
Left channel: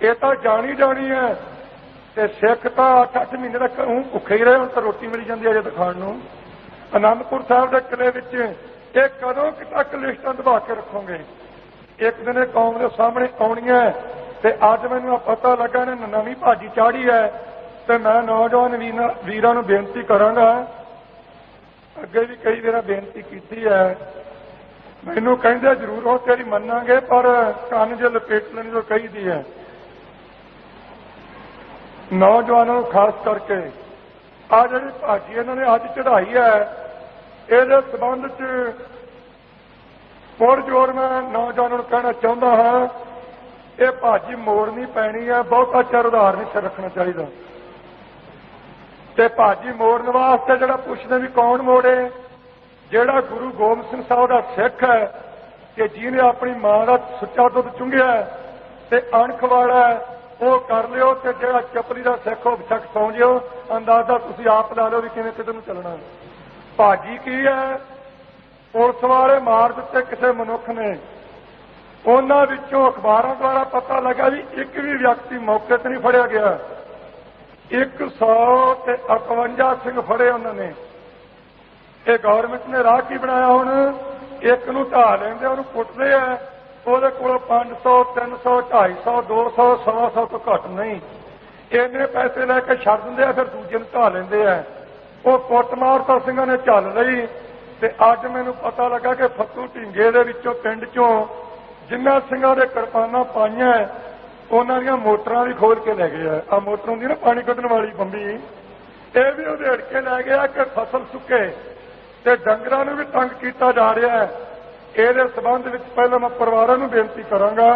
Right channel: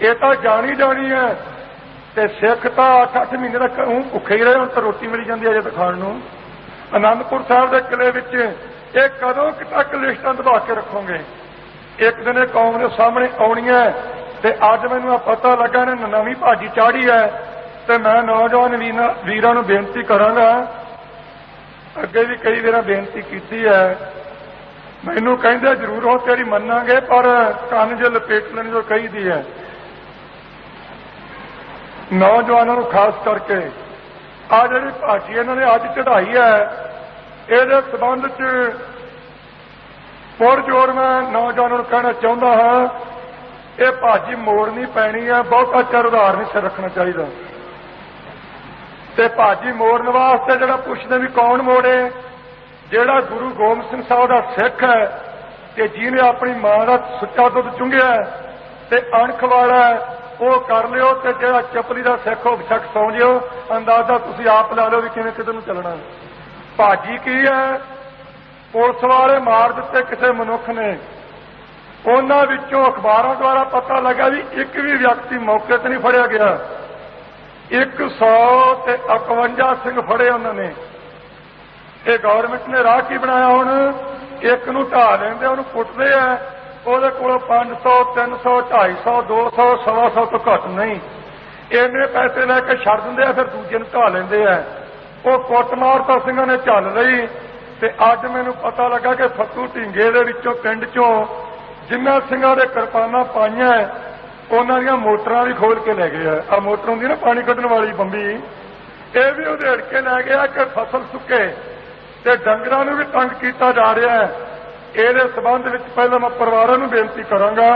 ਇਹ ਤਾਂ ਜਾਣੀ ਹੈ। ਤੇ ਸਿੱਖ ਤਾਂ 8-8 ਮਹੀਨੇ ਤੱਕ ਭੁੱਖੇ ਹੀ ਰਹੇ, ਹੁਣ ਤਾਂ ਰੋਟੀ ਮਿਲ ਜਾਂਦੀ ਹੈ ਜੇ ਤਾਂ ਖਾਣ ਨੂੰ। ਅਨੰਦਪੁਰ ਸਾਹਿਬ ਦੇ ਕਿਲੇ ਵਿੱਚ ਇਹ ਕਦੋਂ ਤੱਕ ਲਿਸਟਾਂ ਦਬਾ ਕੇ ਰੱਖੋਗੇ? ਇੱਕ ਦਿਨ ਇਹ ਕੌਮ ਦੇ ਸਾਹਮਣੇ ਆਉਣੀ ਹੈ। ਤੇ ਅੱਜ ਮੈਨੂੰ ਪਤਾ ਲੱਗਾ ਨੇ ਨਵੀਂ ਭਾਜੀ ਚਾੜੀ ਹੈ, ਤੇ ਮੈਂ ਨੌਜਵਾਨ ਵੀਰਾਂ ਨੂੰ ਬੇਨਤੀ ਕਰਾਂਗਾ, ਅੱਗੇ ਵੀ ਕਈ ਵਾਰ ਬੇਨਤੀ ਕੀਤੀ ਹੈ, ਮੈਨੂੰ ਕਹਿੰਦੇ ਜ਼ਰੂਰ ਹੋ ਤੇਰੀ ਮੰਨਾਂਗੇ, ਪਰ ਕੰਨ ਜੇ ਲਪੇਟ ਲੈਣ ਜੋ ਕਹੀਦੀ ਹੈ। ਨੌਜਵਾਨਾਂ ਨੂੰ ਖਾਸ ਕਰਕੇ ਆ ਜਿਹੜੀ ਭਾਜੀ ਇਹਨਾਂ ਨੇ ਅੱਜ ਚੜਾਈ ਹੈ, ਇਹਦੇ ਸੰਬੰਧ 'ਚ ਪੁਰਜੋਰ मैं नौजवानों ਨੂੰ कहना चाहता हाँ, ये भाजी मोड़नी पैनी है, बहुता चਿਰ उधार नहीं सिर रखना चाहिए। ते भाजी मोड़न वास्ते जिहड़ा पुछदे भी कौन मोड़े, जिहड़ा गुरु गोबिंद सिंह साहब का सिख है कि जिन्हें अपनी मां का सुच्चा दुध चुंघिया ते अणख वाला वो कर लियो, ते जिहड़ा चपली का सिख हो बेशक सौ जियो। अंदाजा तुसीं आप ला लो भी किवें किधर नूं चलना। भाजी की है, पुलिस वाले मार दिते किसी मनुख ने, उन्हां विचों अखबारां द्वारा पता लगा भी एक भी व्यक्ति मौके ते नहीं फड़िया गया। 151 सिंह फड़े उन्होंने। ये गौरमेंट ने राह की बनाया, हुण एक नूं ढा लेंदे, उहनूं कुटदे आ, उहदे कोलों 500 300 250 200 125 तो घट नहीं, इन्ने पैसे लैके छड़ दिंदे आ, फिर दूजे नूं ढा लैंदे आ। वो कुटमार तो सिंघां ने झल लई। ते अज मैनूं पता लगा कि फत्तू ढींगे दे विचों पिंड चों जिन्हां सिंघां दे किरपानां पाईआं उन्हां दीआं मोटरां भी खोल के लै गए। आ मोटर हुंदी ना पानी कड्ढण वाली बंबी, ये भी उधेड़ के लै गया कि फसल सुके ते डंगरां नूं भी तंग कीता जा रहा है। इहदे संबंध विच पहले मैं परिवारां नूं बेनती करांगा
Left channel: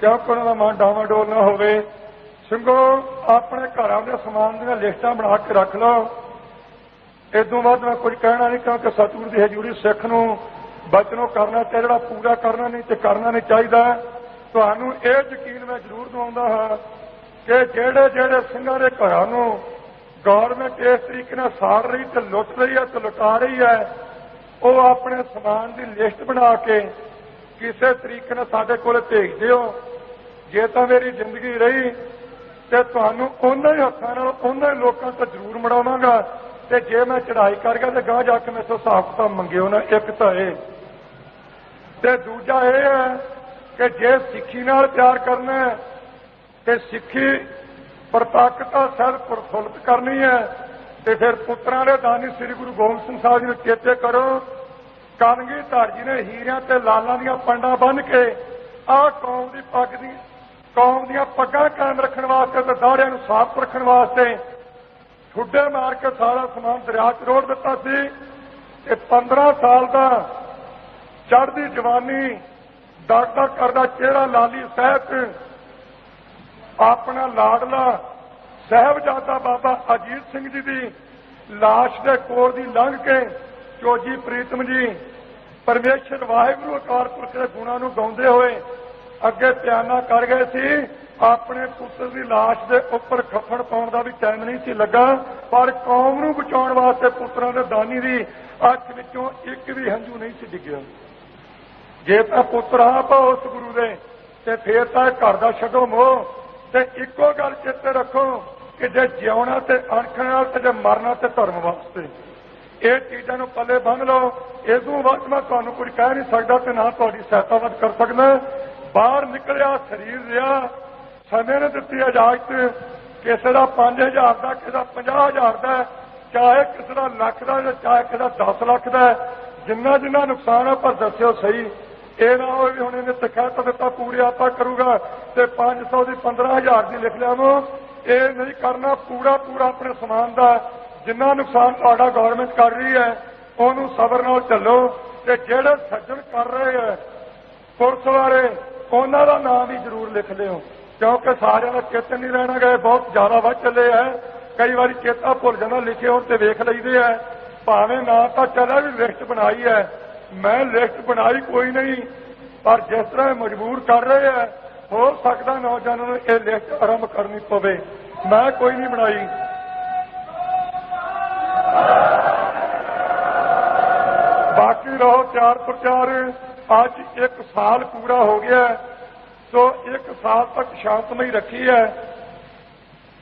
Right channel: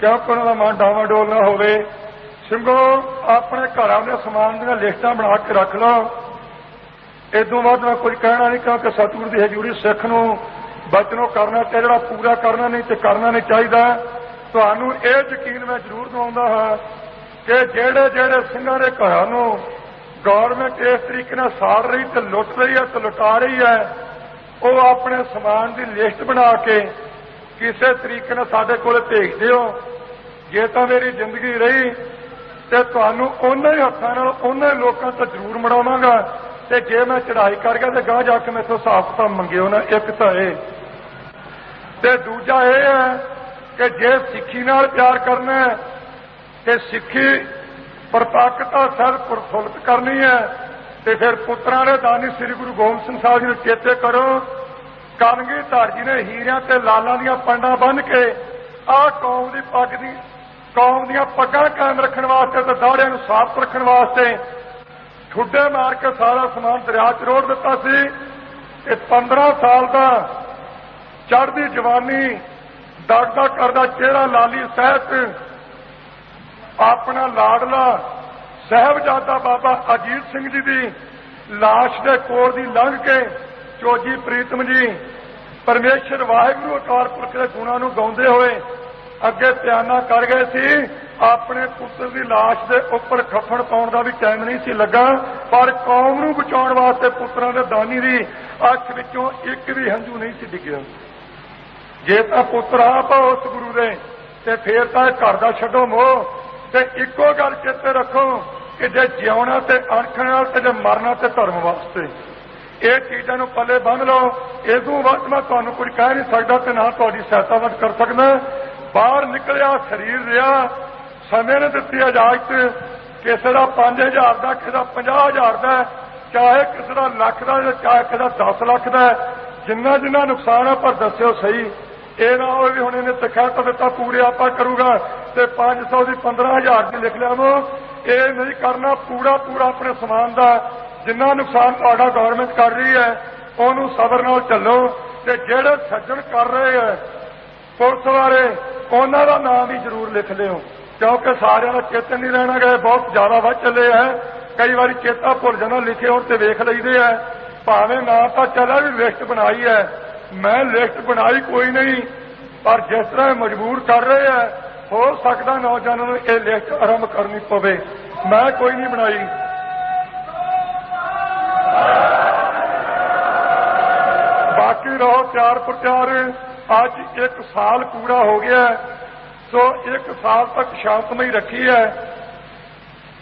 क्योंकि उन्हां दा मन डावाडोल ना होवे। ਸਿੰਘੋ अपने घरां दे समान दीआं लिस्टां बना के रख लो। इदों बाद मैं कुछ कहना नहीं, क्योंकि सतगुरु की हजूरी सिख नूं बचनों करना चाहिए, जिहड़ा पूरा करना नहीं तो करना नहीं चाहिए। तुहानूं ये यकीन मैं जरूर दिवाउंदा हां कि जिहड़े जिहड़े सिंघां दे घरां नूं गौरमेंट इस तरीके नाल साड़ रही ते लुट रही है ते लुटा रही है, वो अपने समान की लिस्ट बना के किसी तरीके नाल साडे कोल भेज दिओ। जे तां मेरी जिंदगी रही तो तुहानूं उन्हां ही हत्थां नाल उन्हां ही लोकां तो जरूर मड़ावांगा। ते जे मैं चढ़ाई कर गया तो गांह जाके मेरे हिसाब किताब मंगिओ ना। एक तो ये ते दूजा ये है कि जे सिक्खी नाल प्यार करना है ते सिक्खी प्रताकता सर प्रफुल्लित करनी है तो फिर पुत्रां दे दानी श्री गुरु गोबिंद सिंह साहब जी नूं चेते करो। कलगीधर जी ने हीरियां ते लालां दीआं पंडां बन के आ कौम दी पग दी कौम दीआं पग्गां कायम रखण वास्ते ते दाड़ियां नूं साफ रखण वास्ते ठुड्डे मार के सारा समान दरिया च रोड़ दिता सी। 15 साल का चढ़दी जवानी दगदा करदा चेहरा लाली सहित अपना लाडला साहबजादा बाबा अजीत सिंह जी की लाश के कोल दी लंघ के चोजी प्रीतम जी परमेश्वर वाहिगुरू अकाल पुरख के गुणां नूं गाउंदे होए अगे प्याना कर गए सी। अपने पुत्र की लाश के उपर खफन पाउण दा भी टाइम नहीं सी लगा, पर कौम नूं बचाउण वास्ते पुत्रां दे दानी दी अख विचों एक भी हंझू नहीं सी डिग्गिया। जे तां पुत्र आप उस गुरु दे ते फिर तां घर दा छड्डो मोह ते इक्को गल चेते रखो कि जे जिउणा ते अणख नाल ते जे मरना ते धर्म वास्ते। ये चीज़ां नूं पल्ले बन लो। इदों वध मैं तुहानूं कुछ कह नहीं सकदा ते ना तुहाडी सहायता वध कर सकदा। बाहर निकलिया शरीर रहा, समय ने दिती इजाजत, किसी का 5000 का, किसी का 50,000 का, चाहे किसी का लख का, चाहे किसी का 10 लाख का, जिन्ना जिन्ना नुकसान है पर दस्यो सही। ये ना हो भी हुण इन्हें तखत दिता पूरे आपा करूगा तो 500 की 15,000 की लिख लिया। ये नहीं करना, पूरा पूरा अपने समान का जिन्ना नुकसान तुहाडा गौरमेंट कर रही है उन्होंने सबर नाल चलो। ते जिहड़े सज्जन कर रहे हैं पुलिस वाले उन्हों का नाम ही जरूर लिख लिओ, क्योंकि सारे का चेतन नहीं रहना गए, बहुत ज्यादा वध चले है। कई बार चेता भुल जाना, लिखे हो तो वेख लईदे है, भावें ना तो चला भी लिस्ट बनाई है। मैं लिस्ट बनाई कोई नहीं, पर जिस तरह मजबूर कर रहे हैं हो सकता नौजवानों को यह लिस्ट आरंभ करनी पवे। मैं कोई नहीं बनाई। बाकी रहो प्यार प्रत्यार। आज 1 साल पूरा हो गया है, तो 1 साल तक शांतमई रखी है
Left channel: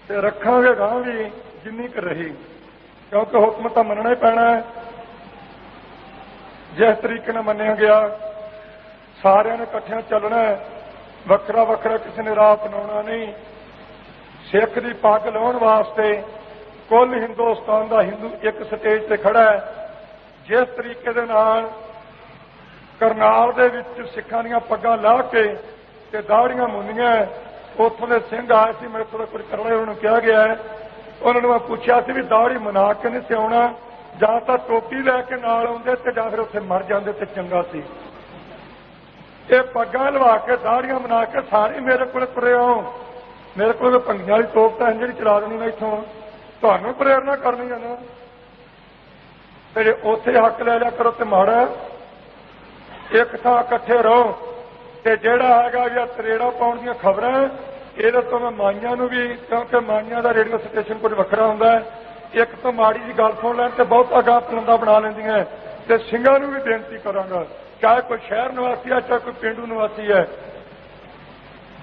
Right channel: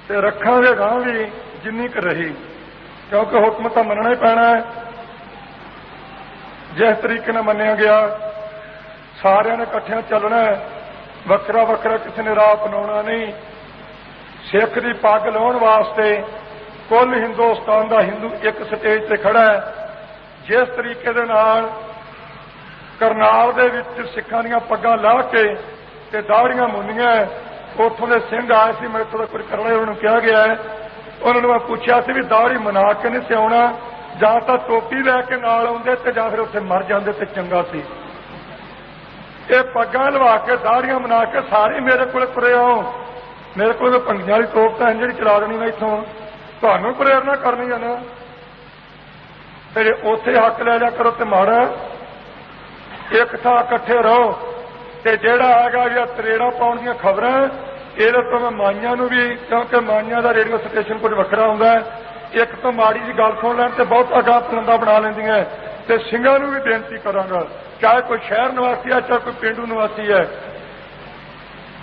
तो रखांगे गांह भी जिन्नी क रही, क्योंकि हुक्म तो मनना ही पैना है। जिस तरीके ने मन्निया गया सारिਆਂ ने इकट्ठियां चलना है, वखरा वखरा किसी ने राह अपनाउणा नहीं। सिख की पग लाउण वास्ते कुल हिंदुस्तान का हिंदू एक स्टेज से खड़ा है। जिस तरीके दे नाल करनाल दे विच सिखां दीआं पग्गां ला के ते दाड़ियां मुंनियां, उत्थों दे सिंह आए सी, मेरे थोड़ा कुछ करना उन्होंने कहा गया है। उन्होंने मैं पूछा सी भी दाड़ी मना के नहीं सियाउणा, ਜਾਂ ਤਾਂ ਟੋਪੀ ਲੈ ਕੇ ਨਾਲ ਆਉਂਦੇ ਤੇ ਜਾਂ ਫਿਰ ਉੱਥੇ ਮਰ ਜਾਂਦੇ ਤੇ ਚੰਗਾ ਸੀ। ਇਹ ਪੱਗਾਂ ਲਵਾ ਕੇ ਦਾੜੀਆਂ ਬਣਾ ਕੇ ਸਾਰੇ ਮੇਰੇ ਕੋਲ ਤੁਰੇ ਆਓ। ਮੇਰੇ ਕੋਲ ਭੰਗੀਆਂ ਵਾਲੀ ਤੋਪ ਤਾਂ ਜਿਹੜੀ ਚਲਾ ਦੇਣੀ ਮੈਂ ਇੱਥੋਂ ਤੁਹਾਨੂੰ ਪ੍ਰੇਰਨਾ ਕਰਨੀ ਆ ਨਾ, ਤੇ ਉੱਥੇ ਹੱਕ ਲੈ ਲਿਆ ਕਰੋ ਤੇ ਮਾੜਾ ਇੱਕ ਥਾਂ ਇਕੱਠੇ ਰਹੋ। ਤੇ ਜਿਹੜਾ ਹੈਗਾ ਵੀ ਤਰੇੜਾ ਪਾਉਣ ਦੀਆਂ ਖਬਰਾਂ ਇਹਦੇ ਤੋਂ ਮੈਂ ਮਾਈਆਂ ਨੂੰ ਵੀ, ਕਿਉਂਕਿ ਮਾਈਆਂ ਦਾ ਰੇਡੀਓ ਸਟੇਸ਼ਨ ਕੁਝ ਵੱਖਰਾ ਹੁੰਦਾ, ਇੱਕ ਤੋਂ ਮਾੜੀ ਜੀ ਗੱਲ ਸੁਣ ਲੈਣ ਤੇ ਬਹੁਤ ਅਗਾਹ ਪਲੰਦਾ ਬਣਾ ਲੈਂਦੀਆਂ। ਤੇ ਸਿੰਘਾਂ ਨੂੰ ਵੀ ਬੇਨਤੀ ਕਰਾਂਗਾ, ਚਾਹੇ ਕੋਈ ਸ਼ਹਿਰ ਨਿਵਾਸੀ ਹੈ ਚਾਹੇ ਕੋਈ ਪਿੰਡੂ ਨਿਵਾਸੀ ਹੈ,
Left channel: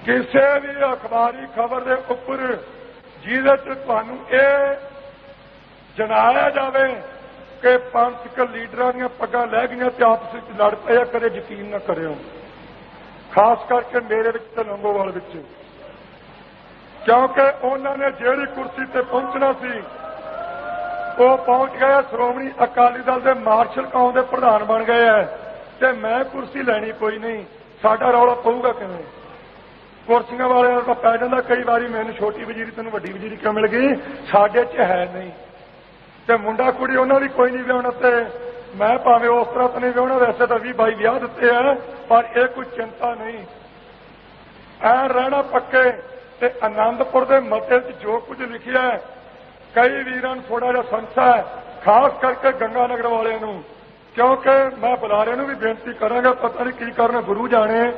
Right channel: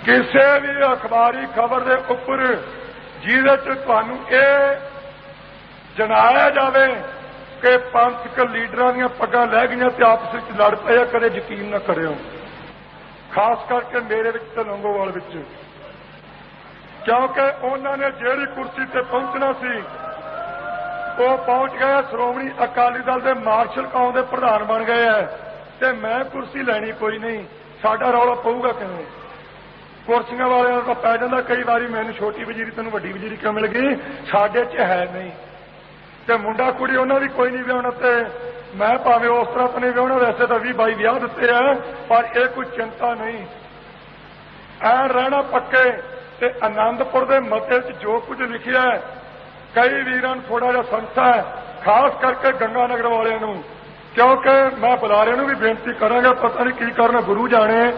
ਕਿਸੇ ਵੀ ਅਖਬਾਰੀ ਖਬਰ ਦੇ ਉੱਪਰ ਜਿਹਦੇ ਚ ਤੁਹਾਨੂੰ ਇਹ ਜਣਾਇਆ ਜਾਵੇ ਕਿ ਪੰਥਕ ਲੀਡਰਾਂ ਦੀਆਂ ਪੱਗਾਂ ਲੈ ਗਈਆਂ ਤੇ ਆਪਸ ਵਿੱਚ ਲੜ ਪਏ, ਕਦੇ ਯਕੀਨ ਨਾ ਕਰਿਓ। ਖਾਸ ਕਰਕੇ ਮੇਰੇ ਵਿੱਚ ਤੇ ਲੰਗੋਵਾਲ ਵਿੱਚ, ਕਿਉਂਕਿ ਉਹਨਾਂ ਨੇ ਜਿਹੜੀ ਕੁਰਸੀ ਤੇ ਪਹੁੰਚਣਾ ਸੀ ਉਹ ਪਹੁੰਚ ਗਏ। ਸ਼੍ਰੋਮਣੀ ਅਕਾਲੀ ਦਲ ਦੇ ਮਾਰਸ਼ਲ ਕੌਮ ਦੇ ਪ੍ਰਧਾਨ ਬਣ ਗਏ ਹੈ ਤੇ ਮੈਂ ਕੁਰਸੀ ਲੈਣੀ ਕੋਈ ਨਹੀਂ। ਸਾਡਾ ਰੌਲਾ ਪਊਗਾ ਕਿਵੇਂ? ਕੁਰਸੀਆਂ ਵਾਲਿਆਂ ਦਾ ਪੈ ਜਾਂਦਾ ਕਈ ਵਾਰੀ, ਮੈਨੂੰ ਛੋਟੀ ਵਜ਼ੀਰੀ ਤੈਨੂੰ ਵੱਡੀ ਵਜ਼ੀਰੀ ਕਿਉਂ ਮਿਲ ਗਈ, ਸਾਡੇ 'ਚ ਹੈ ਨਹੀਂ। ਤੇ ਮੁੰਡਾ ਕੁੜੀ ਉਹਨਾਂ ਦੀ ਕੋਈ ਨਹੀਂ ਵਿਆਹੁਣਾ, ਤੇ ਮੈਂ ਭਾਵੇਂ ਉਸ ਤਰ੍ਹਾਂ ਤਾਂ ਨਹੀਂ ਵਿਆਹੁਣਾ, ਵੈਸੇ ਤਾਂ 20-22 ਵਿਆਹ ਦਿੱਤੇ ਆ, ਪਰ ਇਹ ਕੋਈ ਚਿੰਤਾ ਨਹੀਂ। ਐਂ ਰਹਿਣਾ ਪੱਕੇ। ਤੇ ਆਨੰਦਪੁਰ ਦੇ ਮਤੇ 'ਚ ਜੋ ਕੁਝ ਲਿਖਿਆ ਹੈ, ਕਈ ਵੀਰਾਂ ਨੂੰ ਥੋੜਾ ਜਿਹਾ ਸੰਸਾ, ਖਾਸ ਕਰਕੇ ਗੰਗਾ ਨਗਰ ਵਾਲਿਆਂ ਨੂੰ, ਕਿਉਂਕਿ ਮੈਂ ਬੁਲਾਰਿਆਂ ਨੂੰ ਵੀ ਬੇਨਤੀ ਕਰਾਂਗਾ, ਪਤਾ ਨਹੀਂ ਕੀ ਕਰਨ, ਗੁਰੂ ਜਾਣੇ।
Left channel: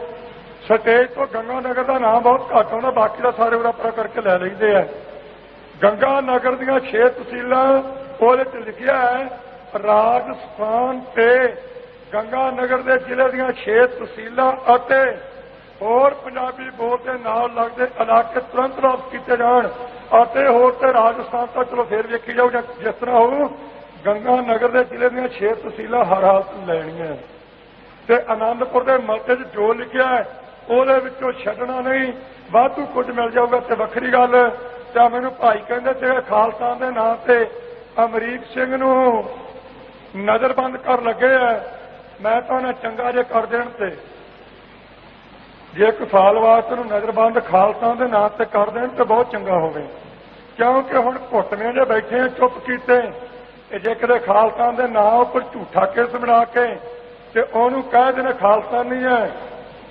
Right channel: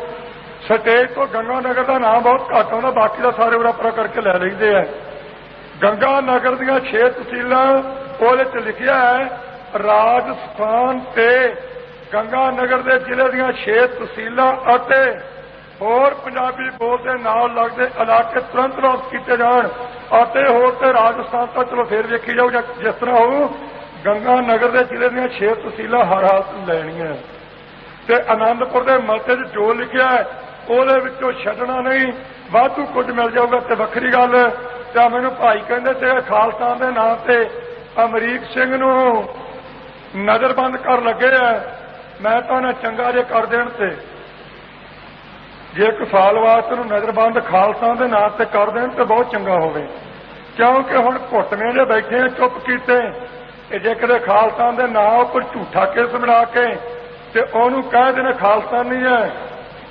ਸਟੇਜ ਤੋਂ ਗੰਗਾ ਨਗਰ ਦਾ ਨਾਮ ਬਹੁਤ ਘੱਟ ਆਉਂਦਾ, ਬਾਕੀ ਦਾ ਸਾਰੇ ਉਰਾਪਰਾ ਕਰਕੇ ਲੈ ਲਈਦੇ ਆ। ਗੰਗਾ ਨਗਰ ਦੀਆਂ 6 ਤਹਿਸੀਲਾਂ ਉਹਦੇ 'ਚ ਲਿਖਿਆ ਹੈ, ਰਾਜਸਥਾਨ ਤੇ ਗੰਗਾ ਨਗਰ ਦੇ ਜ਼ਿਲ੍ਹੇ ਦੀਆਂ 6 ਤਹਿਸੀਲਾਂ ਅਤੇ ਹੋਰ ਪੰਜਾਬੀ ਬੋਲਦੇ ਨਾਲ ਲੱਗਦੇ ਇਲਾਕੇ ਤੁਰੰਤ ਵਾਪਸ ਕੀਤੇ ਜਾਣ। ਅਤੇ ਹੋਰ ਤੇ ਰਾਜਸਥਾਨ ਤਾਂ ਚਲੋ ਫੇਰ ਵੇਖੀ ਜਾਓ ਜਾਂ ਜਿਸ ਤਰ੍ਹਾਂ ਹੋਊ, ਗੰਗਾ ਨਗਰ ਦੇ ਜ਼ਿਲ੍ਹੇ ਦੀਆਂ 6 ਤਹਿਸੀਲਾਂ ਹਰ ਹਾਲਤ ਲੈਣੀਆਂ। ਤੇ ਆਨੰਦਪੁਰ ਦੇ ਮਤੇ 'ਚ ਜੋ ਲਿਖਿਆ ਹੈ ਉਹਦੇ ਵਿੱਚੋਂ ਛੱਡਣਾ ਨਹੀਂ। ਵਾਧੂ ਕੁਝ ਮਿਲ ਜਾਊਗਾ ਤੇ ਵੱਖਰੀ ਗੱਲ। ਤਾਂ ਮੈਨੂੰ ਭਾਈ ਕਹਿੰਦੇ ਤੇ ਖਾਲਸਾ ਦੇ ਨਾਂ ਤੇ ਅਮਰੀਕ ਸਿੰਘ ਨੂੰ ਨਜ਼ਰਬੰਦ ਕਰ ਲੱਗੇ ਆ। ਮੈਂ ਤਾਂ ਉਹਨੇ ਚੰਗਾ ਜੇ ਕਰ ਦੇਣ, ਤੇ ਜੇ ਇੱਕ ਸਾਲ ਵਾਸਤੇ ਨੂੰ ਨਜ਼ਰਬੰਦ ਖਾਲਸਾ ਦੇ ਨਾਂ ਤੇ ਕਰ ਦੇਣ ਤੇ ਬਹੁਤ ਚੰਗਾ ਹੋਵੇ। ਕਿਉਂਕਿ ਹੁਣ ਘੁੱਟਵੇਂ ਜੇ ਬੈਠੇ ਆ ਚੁੱਪ ਕੀਤੇ, ਤੇ ਜੇ ਕਦੇ ਖਾਲਸਾ ਦੇ ਨਾਂ ਉੱਪਰ ਝੂਠਾ ਕੇਸ ਬਣਾ ਕੇ ਤੇ ਉਹਨੂੰ ਕਹਿ ਦੇਣਾ ਖਾਲਸਾ ਨਹੀਂ ਹੈ,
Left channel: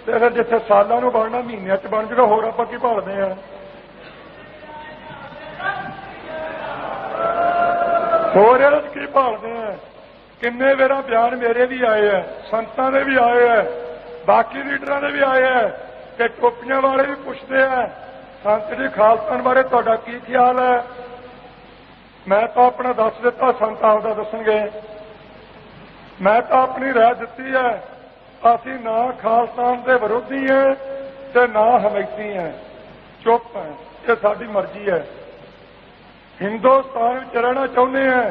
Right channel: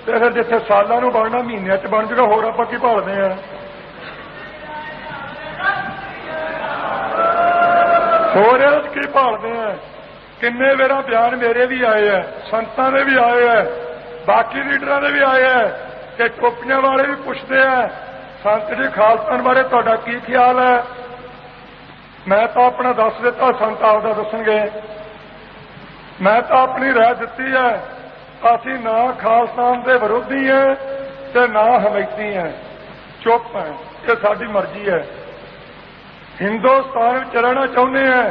ਤੇ ਫਿਰ ਜਿੱਥੇ ਸਾਲਾਂ ਨੂੰ ਬਣਨਾ ਮਹੀਨਿਆਂ 'ਚ ਬਣ ਜਾਊਗਾ। ਹੋਰ ਆਪਾਂ ਕੀ ਭਾਲਦੇ ਆ? ਹੋਰ ਇਹ ਕੀ ਭਾਲਦੇ ਆ? ਕਿੰਨੇ ਵੇਰਾਂ ਬਿਆਨ ਮੇਰੇ ਵੀ ਆਏ ਆ, ਸੰਤਾਂ ਦੇ ਵੀ ਆਏ ਆ, ਬਾਕੀ ਲੀਡਰਾਂ ਦੇ ਵੀ ਆਏ ਆ, ਤੇ ਟੋਪੀਆਂ ਵਾਲੇ ਵੀ ਪੁੱਛਦੇ ਆ, ਸੰਤ ਜੀ ਖਾਲਸਾ ਬਾਰੇ ਤੁਹਾਡਾ ਕੀ ਖਿਆਲ ਹੈ? ਮੈਂ ਤਾਂ ਆਪਣਾ ਦੱਸ ਦਿੱਤਾ, ਸੰਤ ਆਪਦਾ ਦੱਸਣਗੇ। ਮੈਂ ਤਾਂ ਆਪਣੀ ਰਾਏ ਦਿੱਤੀ ਹੈ। ਅਸੀਂ ਨਾ ਖਾਲਸਾ ਦੇ ਵਿਰੋਧੀ ਹਾਂ ਤੇ ਨਾ ਹਮੈਤੀ ਹਾਂ, ਚੁੱਪ ਹੈ, ਇਹ ਸਾਡੀ ਮਰਜ਼ੀ ਹੈ। ਹਿੰਦੁਸਤਾਨ ਵਿੱਚ ਰਹਿਣਾ ਚਾਹੁੰਦੇ ਹਾਂ,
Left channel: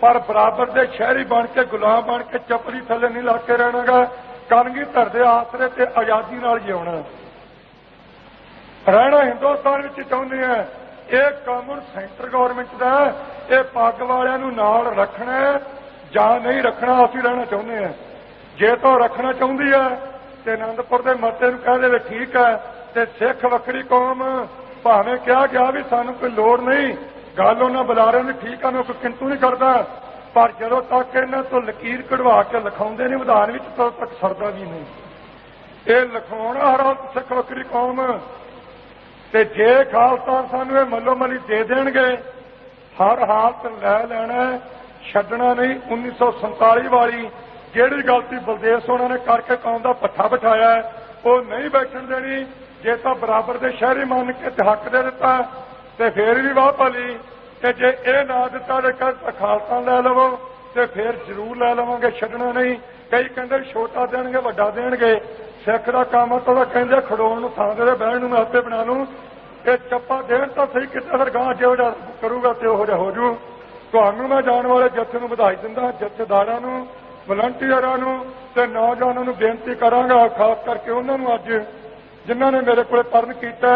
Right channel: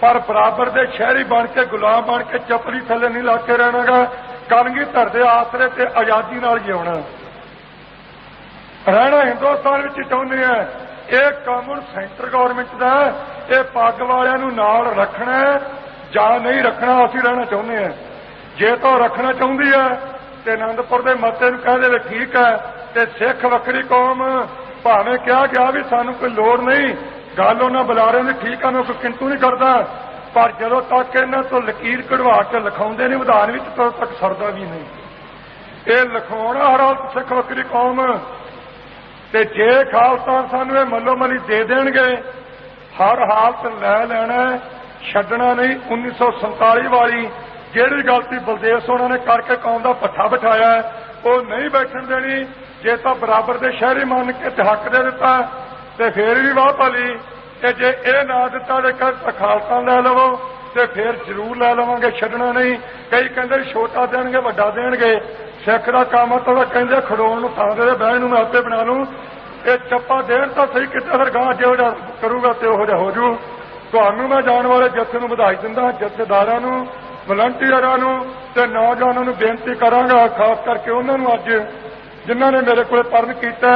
ਪਰ ਬਰਾਬਰ ਦੇ ਸ਼ਹਿਰੀ ਬਣ ਕੇ, ਗੁਲਾਮ ਬਣ ਕੇ ਚੱਪਲੀ ਥੱਲੇ ਨਹੀਂ ਲਾ ਕੇ ਰਹਿਣਾਗਾ। ਕਲਗੀਧਰ ਦੇ ਆਸਰੇ ਤੇ ਆਜ਼ਾਦੀ ਨਾਲ ਜਿਉਣਾ। ਰਹਿਣਾ ਹਿੰਦੁਸਤਾਨ ਵਿੱਚ ਚਾਹੁੰਦੇ ਹਾਂ। ਇਹ ਕੰਮ ਸੈਂਟਰ ਗਵਰਨਮੈਂਟ ਦਾ, ਇਹ ਪੱਗ ਵਾਲਿਆਂ ਨੂੰ ਨਾਲ ਰੱਖਣਾ ਜਾਂ ਨਹੀਂ ਰੱਖਣਾ, ਅਸੀਂ ਰਹਿਣਾ ਚਾਹੁੰਦੇ ਹਾਂ। ਜੇ ਤਾਂ ਰੱਖਣਾ ਚਾਹੁੰਦੀ ਹੈ ਤੇ ਆਨੰਦਪੁਰ ਦੇ ਮਤੇ ਨੂੰ ਕਹਿ ਦੇਵੇ ਠੀਕ ਹੈ, ਤੇ ਸਿੱਖ ਵੱਖਰੀ ਕੌਮ ਭਾਵੇਂ ਕਿਹਾ ਗਿਆ ਵੀ ਸਾਨੂੰ ਕੋਈ ਲੋੜ ਨਹੀਂ, ਗੱਲ ਉਹਨਾਂ ਬੁਲਾਰਿਆਂ ਦੀ ਠੀਕ ਆ, ਮੈਂ ਕੋਈ ਕਿੰਤੂ ਨਹੀਂ ਕਰਦਾ, ਪਰ ਜਦੋਂ ਤੱਕ ਇਹਨਾਂ ਤੋਂ ਲਕੀਰ ਕਢਵਾ ਕੇ ਲਿਖਾਉਂਦੇ ਨਹੀਂ ਵਿਧਾਨ ਵਿੱਚ, ਤਦੋਂ ਤੱਕ ਸਰਦਾ ਵੀ ਨਹੀਂ। ਇਹ ਲਿਖਾਉਣਾ ਹਰ ਹਾਲਤ ਸਿੱਖ ਵੱਖਰੀ ਕੌਮ। ਤੇ ਜੇ ਖਾਲਸਾ ਸਾਨੂੰ ਇਹ ਮੱਲੋ ਮੱਲੀ ਦੇ ਦੇਣਗੇ, ਹਰ ਹਾਲਤ ਲੈ ਲੈਣਾ, ਛੱਡਣਾ ਨਹੀਂ। 1947 ਵਾਲੀ ਜਿਹੜੀ ਗਲਤੀ ਬਲਦੇਵ ਸਿੰਘ ਨੇ ਕਰਕੇ ਕੌਮ ਦਾ ਪੱਠਾ ਬਿਠਾਇਆ, ਉਹ ਨਹੀਂ ਬੈਠਣ ਦੇਣੀ। ਜੇ ਤਾਂ ਬਰਾਬਰ ਦੇ ਸ਼ਹਿਰੀ ਮੰਨ ਕੇ ਤੇ ਹੱਕ ਦੇ ਦਿੱਤਾ ਤੇ ਫੇਰ ਵੀ ਵਾਹ ਭਲੀ, ਤੇ ਜੇ ਇਹ ਨਾ ਦਿੱਤਾ ਤੇ ਖਾਲਸਾ ਲੈ ਲਵੋ ਤੇ ਫੇਰ ਜ਼ਰੂਰ ਲੈ ਲਵਾਂਗੇ, ਛੱਡਣਾ ਨਹੀਂ। ਕਈ ਕਹਿੰਦੇ ਛੋਟਾ ਦੇਣਗੇ ਵੱਡਾ ਦੇਣਗੇ, ਸਿੱਖ ਦਾ ਕੰਮ ਤਾਂ ਕਹਿੰਦੇ ਖੜੋਣ ਨੂੰ ਥਾਂ ਦੇ ਬਹਿਣ ਨੂੰ ਮੈਂ ਆਪੇ ਬਣਾ ਲੂੰ। ਇਹ ਚੱਪਾ ਦੇਣ ਤਾਂ ਸਹੀ, ਕਿਤੇ ਫਿਰ ਗਾਂ ਜਿਹੋ ਜਿਹਾ ਕਰੂਗਾ ਤੇ ਉਹੋ ਜਿਹਾ ਹੋ ਜੂ। ਤੁਹਾਨੂੰ ਮੈਂ ਜਾਣ ਵਾਲੇ ਜੱਥੇ ਨੂੰ ਵਧਾਈ ਦਿੰਦਾ, ਜਥੇਦਾਰਾਂ ਨੂੰ, ਵਲੰਟੀਅਰਾਂ ਨੂੰ ਤੇ ਨੌਜਵਾਨਾਂ ਨੂੰ ਬੇਨਤੀ ਕਰਾਂਗਾ, ਖਾਸ ਕਰਕੇ ਉਹਨਾਂ ਨੂੰ ਅੱਜ ਜਿਨ੍ਹਾਂ ਨੇ ਮੇਰੇ ਕੋਲ ਪਰਨ ਕੀਤਾ।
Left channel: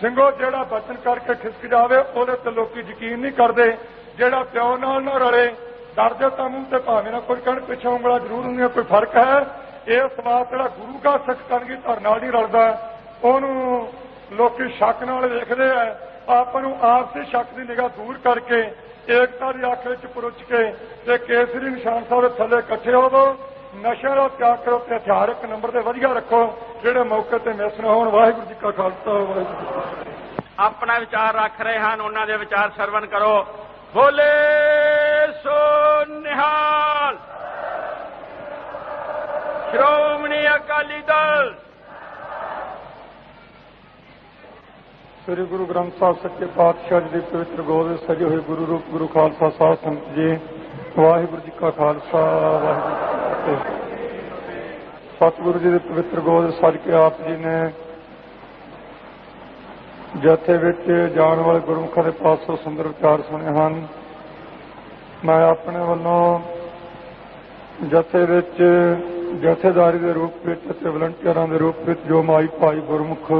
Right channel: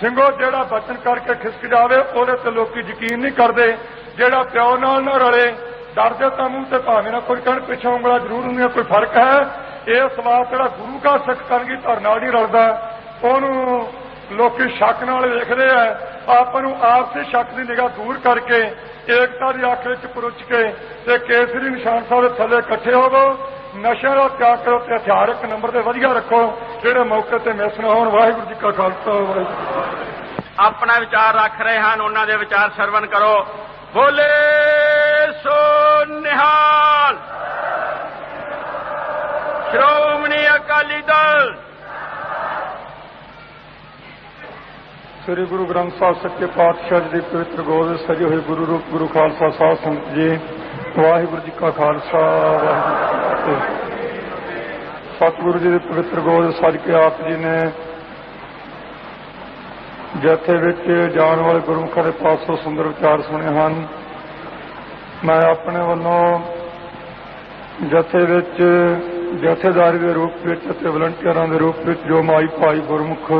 ਸਿੰਘੋ ਜਿਹੜਾ ਬਚਨ ਕਰਕੇ ਖਿਸਕ ਜਾਵੇ ਉਹਦੇ ਤੇ ਲੋਕੀ ਯਕੀਨ ਨਹੀਂ ਕਰਦੇ। ਜਿਹੜਾ ਪਿਓ ਨਾਲ ਨਾ ਰਲੇ, ਡਰਦੇ ਤਾਂ ਮੂੰਹ ਤੇ ਭਾਵੇਂ ਨਾ ਕੋਈ ਕਹਿਣ, ਪਿੱਛੋਂ ਉਂਗਲਾਂ ਜ਼ਰੂਰ ਹੁੰਦੀਆਂ, ਕੋਈ ਫਰਕ ਹੈ। ਇਹ ਸਵਾਲ ਜਿਹੜਾ ਗੁਰੂ ਕਾ ਸਿੱਖ ਕਰਨਗੀ ਧਰ ਨਾਲ ਨਹੀਂ ਰਲਦਾ, ਉਹਨੂੰ ਲੋਕੀ ਸ਼ੱਕ ਨਾਲ ਵੇਖਦੇ ਆ। ਆਪਾਂ ਨੂੰ ਆਪਸੀ ਸ਼ੱਕ ਦੀ ਨਿਗਾਹ ਦੂਰ ਕਰਕੇ ਏਕਤਾ ਦੀ ਅੱਖ ਵਿੱਚ ਪਰੁੱਛ ਕੇ ਤੇ ਕੇਸਰੀ ਨਿਸ਼ਾਨ ਸਾਹਿਬ ਦੇ ਥੱਲੇ ਇਕੱਠੇ ਹੋਵੋ। ਨਸ਼ਿਆਂ ਦਾ ਤਿਆਗ ਕਰੋ ਤੇ ਹਥਿਆਰ ਇੱਕ ਨੰਬਰ ਤੇ ਵਧੀਆ ਰੱਖੋ, ਜਿਹੜੇ ਮੌਕੇ ਤੇ ਮਿਸ ਨਾ ਹੋਣ। ਵਾਹਿਗੁਰੂ ਜੀ ਕਾ ਖਾਲਸਾ, ਵਾਹਿਗੁਰੂ ਜੀ ਕੀ ਫਤਿਹ। ਆਪਣਾ ਵਿਚਾਰ ਰੱਖ ਰਹੇ ਹਨ, ਉਹਨਾਂ ਦੇ ਵਿਚਾਰ ਸਰਵਣ ਕਰੋ। ਬੋਲੇ ਸੋ ਨਿਹਾਲ। ਸ਼੍ਰੋਮਣੀ ਅਕਾਲੀ ਦਲ। ਸ੍ਰੀ ਗੁਰੂ ਗ੍ਰੰਥ ਸਾਹਿਬ ਸੱਚੇ ਪਾਤਸ਼ਾਹ ਜੀ ਦੀ ਪਵਿੱਤਰ ਗੋਦ ਵਿੱਚ ਸਜੇ ਹੋਏ ਗੁਰੂ ਰੂਪ ਗੁਰੂ ਖਾਲਸਾ ਸਾਧ ਸੰਗਤ ਜੀ, ਵਾਹਿਗੁਰੂ ਜੀ ਕਾ ਖਾਲਸਾ, ਵਾਹਿਗੁਰੂ ਜੀ ਕੀ ਫਤਿਹ। ਸਤਿਗੁਰੂ ਜੀ ਦੀ ਪਵਿੱਤਰ ਗੋਦ ਵਿੱਚ ਸਜ ਕੇ ਆਪ ਜੀ ਨੇ ਜਥੇ ਵਿੱਚ ਜਾਣ ਵਾਲੇ ਗੁਰਮੁਖਾਂ ਦੇ ਪਾਸੋਂ ਸੁੰਦਰ ਵਿਚਾਰ ਸੁਣੇ ਹਨ। ਮੈਂ ਆਪਣੇ ਵੱਲੋਂ ਜਥੇ ਵਿੱਚ ਜਥੇਦਾਰੀ ਦੇ ਰੂਪ ਵਿੱਚ ਅਤੇ ਵਲੰਟੀਅਰਾਂ ਦੇ ਰੂਪ ਵਿੱਚ ਜੋ ਮਾਈ ਭਾਈ ਗੁਰਮੁਖ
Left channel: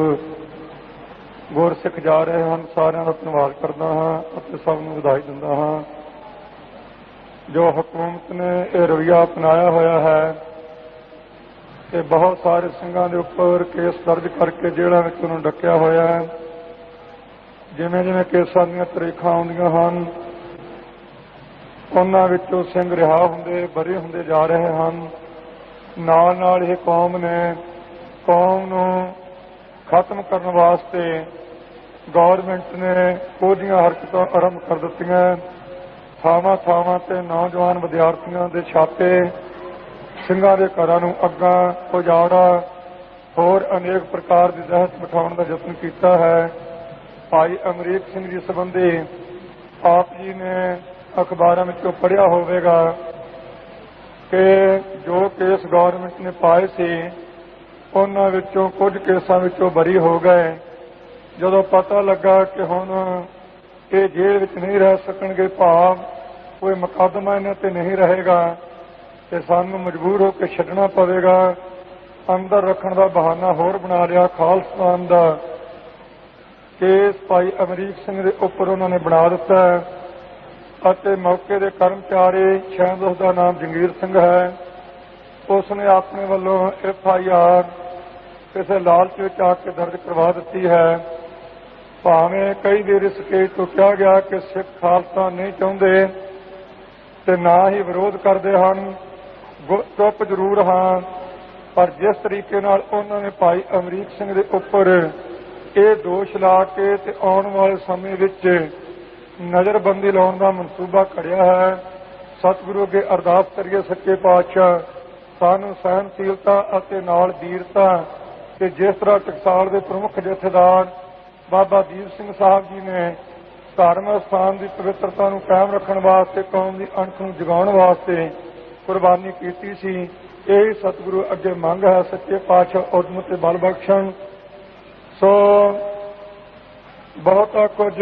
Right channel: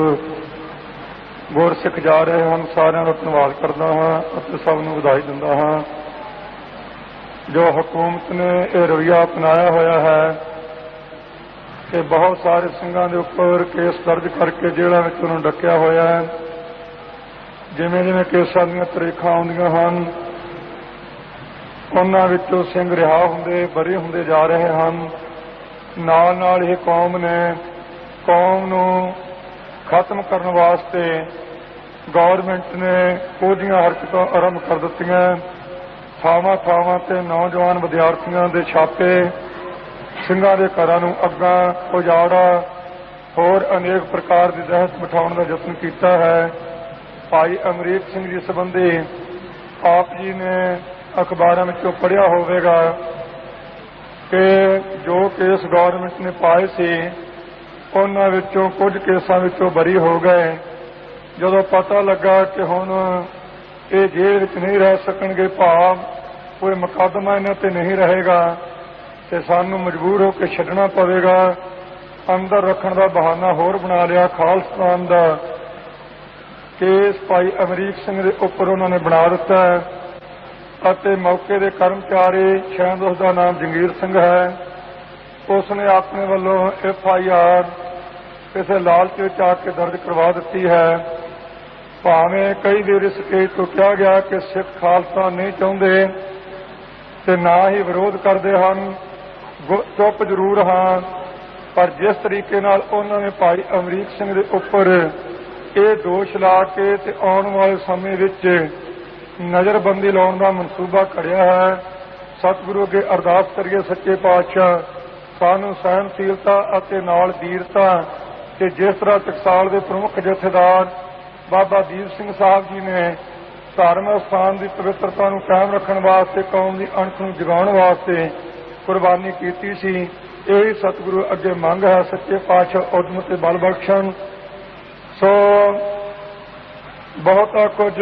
ਗੁਰਸਿੱਖ ਜਾ ਰਹੇ ਹਨ, ਸਾਰਿਆਂ ਦਾ ਧੰਨਵਾਦ ਕਰਦਾ ਹਾਂ ਅਤੇ ਸਭ ਨੂੰ ਵਧਾਈ ਦਿੰਦਾ ਹਾਂ। ਜੋ ਹਕੂਮਤ ਨੇ ਇਹ ਰਵੱਈਆ ਅਪਣਾਇਆ ਹੋਇਆ ਹੈ ਕਿ ਬਹੁਤ ਸਾਰੇ ਸਿੰਘਾਂ ਦੇ ਉੱਪਰ ਕੇਸ ਦਰਜ ਕਰਕੇ ਜੇਲ੍ਹਾਂ ਵਿੱਚ ਉਹਨੂੰ ਡੱਕਿਆ ਹੋਇਆ ਹੈ। ਜਿਵੇਂ ਜਿਵੇਂ ਕੇਸਾਂ ਦੀਆਂ ਤਰੀਖਾਂ ਆਉਂਦੀਆਂ ਹਨ, ਉਹਨਾਂ ਵਿੱਚੋਂ ਸਿੰਘ ਰਿਹਾ ਹੁੰਦੇ ਬਰੀ ਹੁੰਦੇ ਜਾ ਰਹੇ ਹਨ। ਨਾਲ ਨਾਲ ਇਹ ਕੌਮ ਨੂੰ ਖਤਮ ਕਰਨ ਵਾਸਤੇ ਗੌਰਮੈਂਟ ਨੇ ਕੁਝੀਆਂ ਹਰਕਤਾਂ ਆਰੰਭ ਕਰ ਦਿੱਤੀਆਂ। ਥਾਵਾਂ ਥਾਵਾਂ ਤੇ ਨੌਜਵਾਨ ਵਿਦਿਆਰਥੀਆਂ ਦੇ ਛਾਪੇ, ਸਿੰਘਾਂ ਦੇ ਘਰਾਂ ਨੂੰ ਅੱਗਾਂ, ਉਜਾੜਾ, ਹੋਰ ਅਨੇਕ ਪ੍ਰਕਾਰ ਦੀ ਦਹਿਸ਼ਤ ਬਿਠਾਉਣ ਦਾ ਯਤਨ ਕੀਤਾ ਹੈ। ਭਾਈ ਅਮਰੀਕ ਸਿੰਘ ਜੀ ਸੰਬੰਧੀ ਆਪ ਜੀ ਨੇ ਅਖਬਾਰਾਂ ਵਿੱਚੋਂ ਪੜ੍ਹਿਆ ਹੋਵੇਗਾ ਕਿ ਜੋ ਕੇਸ ਗੌਰਮੈਂਟ ਨੇ ਪਾਏ ਸੀ, ਉਹਨਾਂ ਵਿੱਚੋਂ ਕੁਝ ਕੇਸਾਂ ਵਿੱਚੋਂ ਬਰੀ ਹੋ ਗਏ। ਜਦੋਂ ਪਤਾ ਲੱਗਾ ਕਿ ਹੁਣ ਇਹ ਜੇਲ੍ਹ ਵਿੱਚ ਨਹੀਂ ਰਹਿ ਸਕਣਗੇ, ਭਾਵ ਕੋਈ ਮੁਕੱਦਮਾ ਇਹਨਾਂ ਤੇ ਨਹੀਂ ਰਹੇਗਾ, ਤੇ ਸਾਨੂੰ ਮਜਬੂਰ ਹੋ ਕੇ ਛੱਡਣਾ ਪਵੇਗਾ। ਅੰਦਰ ਰੱਖਣ ਦਾ ਬਹਾਨਾ ਹੋਰ ਬਣਾ ਲਿਆ। ਖਾਲਿਸਤਾਨ ਦਾ ਕੇਸ ਭਾਈ ਅਮਰੀਕ ਸਿੰਘ ਦੇ ਉੱਪਰ ਉਹਨਾਂ ਨੇ ਬਣਾ ਦਿੱਤਾ ਅਤੇ ਮੌਕੇ ਦੇ ਕਰਮਚਾਰੀ, ਸ਼ਾਇਦ ਉਸ ਦਾ ਨਾਮ ਜੰਗੀਰ ਸਿੰਘ ਹੈ, ਉਸ ਨੇ ਆਪਣੇ ਵੱਲੋਂ FIR ਕਿਸੇ ਲਾਲਚ ਵਿੱਚ ਆ ਕੇ ਦਰਜ ਕਰਵਾ ਦਿੱਤੀ ਹੈ। ਭਾਵੇਂ ਕਈ ਵਾਰ ਇਸ ਕੇਸ ਤੋਂ ਕਿਹਾ ਗਿਆ ਕਿ ਸਿੱਖ ਖਾਲਸਾ ਨਹੀਂ ਚਾਹੁੰਦੇ ਤੇ ਨਾ ਹੀ ਵਿਰੋਧ ਕਰਦੇ ਹਨ, ਚੁੱਪ ਜ਼ਰੂਰ ਹਾਂ, ਪਰ ਜਿਸ ਤਰੀਕੇ ਨਾਲ ਉਹਨਾਂ ਨੇ ਭਾਈ ਅਮਰੀਕ ਸਿੰਘ ਦੇ ਉੱਪਰ ਇਹ ਦੋਸ਼ ਲਾ ਕੇ ਤੇ ਆਉਣ ਵਾਲੇ ਸਮੇਂ ਵਿੱਚ ਨਜ਼ਰਬੰਦੀ ਲਾਉਣ ਦਾ ਮਨਸੂਬਾ ਘੜਿਆ ਹੈ, ਸਤਿਗੁਰੂ ਅੱਗੇ ਅਰਦਾਸ ਕਰੀਏ ਸੱਚੇ ਪਾਤਸ਼ਾਹ ਸਾਨੂੰ ਸਹਿਣਸ਼ੀਲਤਾ ਅਤੇ ਨਾਲ ਵੀਰਤਾ, ਤੇ ਜਿਸ ਤਰ੍ਹਾਂ ਟਕਸਾਲ ਦੇ ਪ੍ਰਮੁੱਖ ਜਥੇਦਾਰ ਬਾਬਾ ਦੀਪ ਸਿੰਘ ਸਾਹਿਬ ਜੀ ਨੇ ਧਾਰਮਿਕ ਸਥਾਨ ਦੀ ਪਵਿੱਤਰਤਾ ਨੂੰ ਕਾਇਮ ਰੱਖਣ ਵਾਸਤੇ, ਕੌਮ ਦੀ ਅਣਖ ਨੂੰ ਜਗਾਉਣ ਵਾਸਤੇ ਕੁਰਬਾਨੀ ਕੀਤੀ ਸੀ, ਇਹ ਸਤਿਗੁਰੂ ਅੱਗੇ ਮੰਗ ਹੈ। ਸੱਚੇ ਪਾਤਸ਼ਾਹ ਉਦਮ ਤੇ ਬਲ ਬਖਸ਼ਣ। ਸੋ ਬਹੁਤਾ ਕੁਝ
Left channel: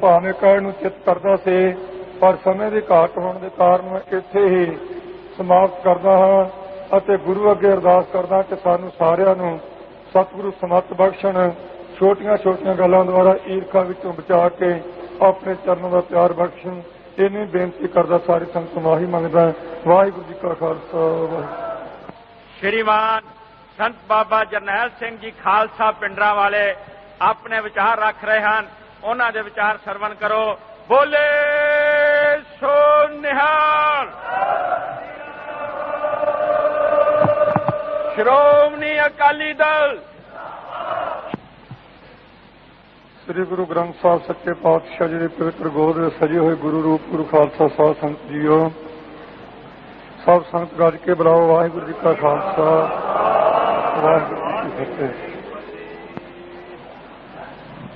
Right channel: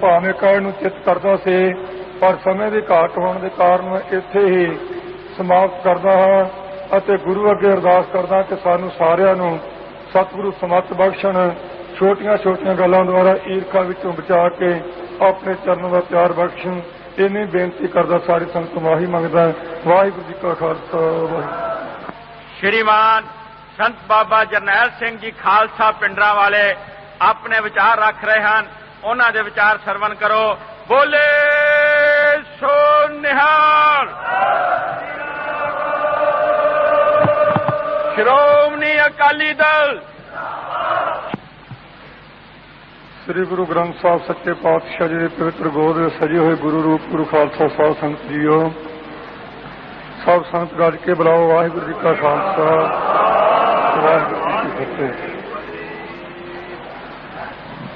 ਭਾਵੇਂ ਕਹਿਣ ਨੂੰ ਚਿੱਤ ਕਰਦਾ ਸੀ, ਪਰ ਸਮੇਂ ਦੀ ਘਾਟ ਹੋਣ ਦੇ ਕਾਰਨ ਇੱਥੇ ਹੀ ਸਮਾਪਤ ਕਰਦਾ ਹਾਂ ਅਤੇ ਗੁਰੂ ਅੱਗੇ ਅਰਦਾਸ ਕਰਦਾ ਕਿ ਸਾਨੂੰ ਸਾਰਿਆਂ ਨੂੰ ਸਤਿਗੁਰੂ ਸਮੱਤ ਬਖਸ਼ਣ। ਛੋਟੀਆਂ ਛੋਟੀਆਂ ਗੱਲਾਂ ਦੁਆਰਾ ਈਰਖਾ ਵਿੱਚੋਂ ਬਚਾ ਕੇ ਆਪਣੇ ਚਰਨਾਂ ਦਾ ਪਿਆਰ ਬਖਸ਼ਣ। ਇੰਨੀ ਬੇਨਤੀ ਕਰਦਾ ਸਾਰੀ ਸੰਗਤ ਤੋਂ ਮਾਫੀ ਮੰਗਦਾ। ਵਾਹਿਗੁਰੂ ਜੀ ਕਾ ਖਾਲਸਾ, ਵਾਹਿਗੁਰੂ। ਸ਼੍ਰੀਮਾਨ ਸੰਤ ਬਾਬਾ ਜਰਨੈਲ ਸਿੰਘ ਜੀ ਖਾਲਸਾ ਪਿੰਡਰਾਂ ਵਾਲੇ ਆਪਣੇ ਵਿਚਾਰ ਰੱਖ ਰਹੇ ਹਨ, ਉਹਨਾਂ ਦੇ ਵਿਚਾਰ ਸਰਵਣ ਕਰੋ। ਬੋਲੇ ਸੋ ਨਿਹਾਲ। ਸ਼੍ਰੋਮਣੀ ਅਕਾਲੀ ਦਲ। ਸ੍ਰੀ ਗੁਰੂ ਗ੍ਰੰਥ ਸਾਹਿਬ ਸੱਚੇ ਪਾਤਸ਼ਾਹ ਜੀ ਦੇ ਪਵਿੱਤਰ ਗੋਦ ਵਿੱਚ ਸਜੇ ਹੋਏ ਗੁਰੂ ਰੂਪ ਗੁਰੂ ਖਾਲਸਾ ਸਾਧ ਸੰਗਤ ਜੀਓ, ਸਭ ਸੰਗਤ ਗੱਜ ਕੇ ਬੁਲਾਓ। ਵਾਹਿਗੁਰੂ ਜੀ ਕਾ ਖਾਲਸਾ, ਵਾਹਿਗੁਰੂ ਜੀ ਕੀ ਫਤਿਹ।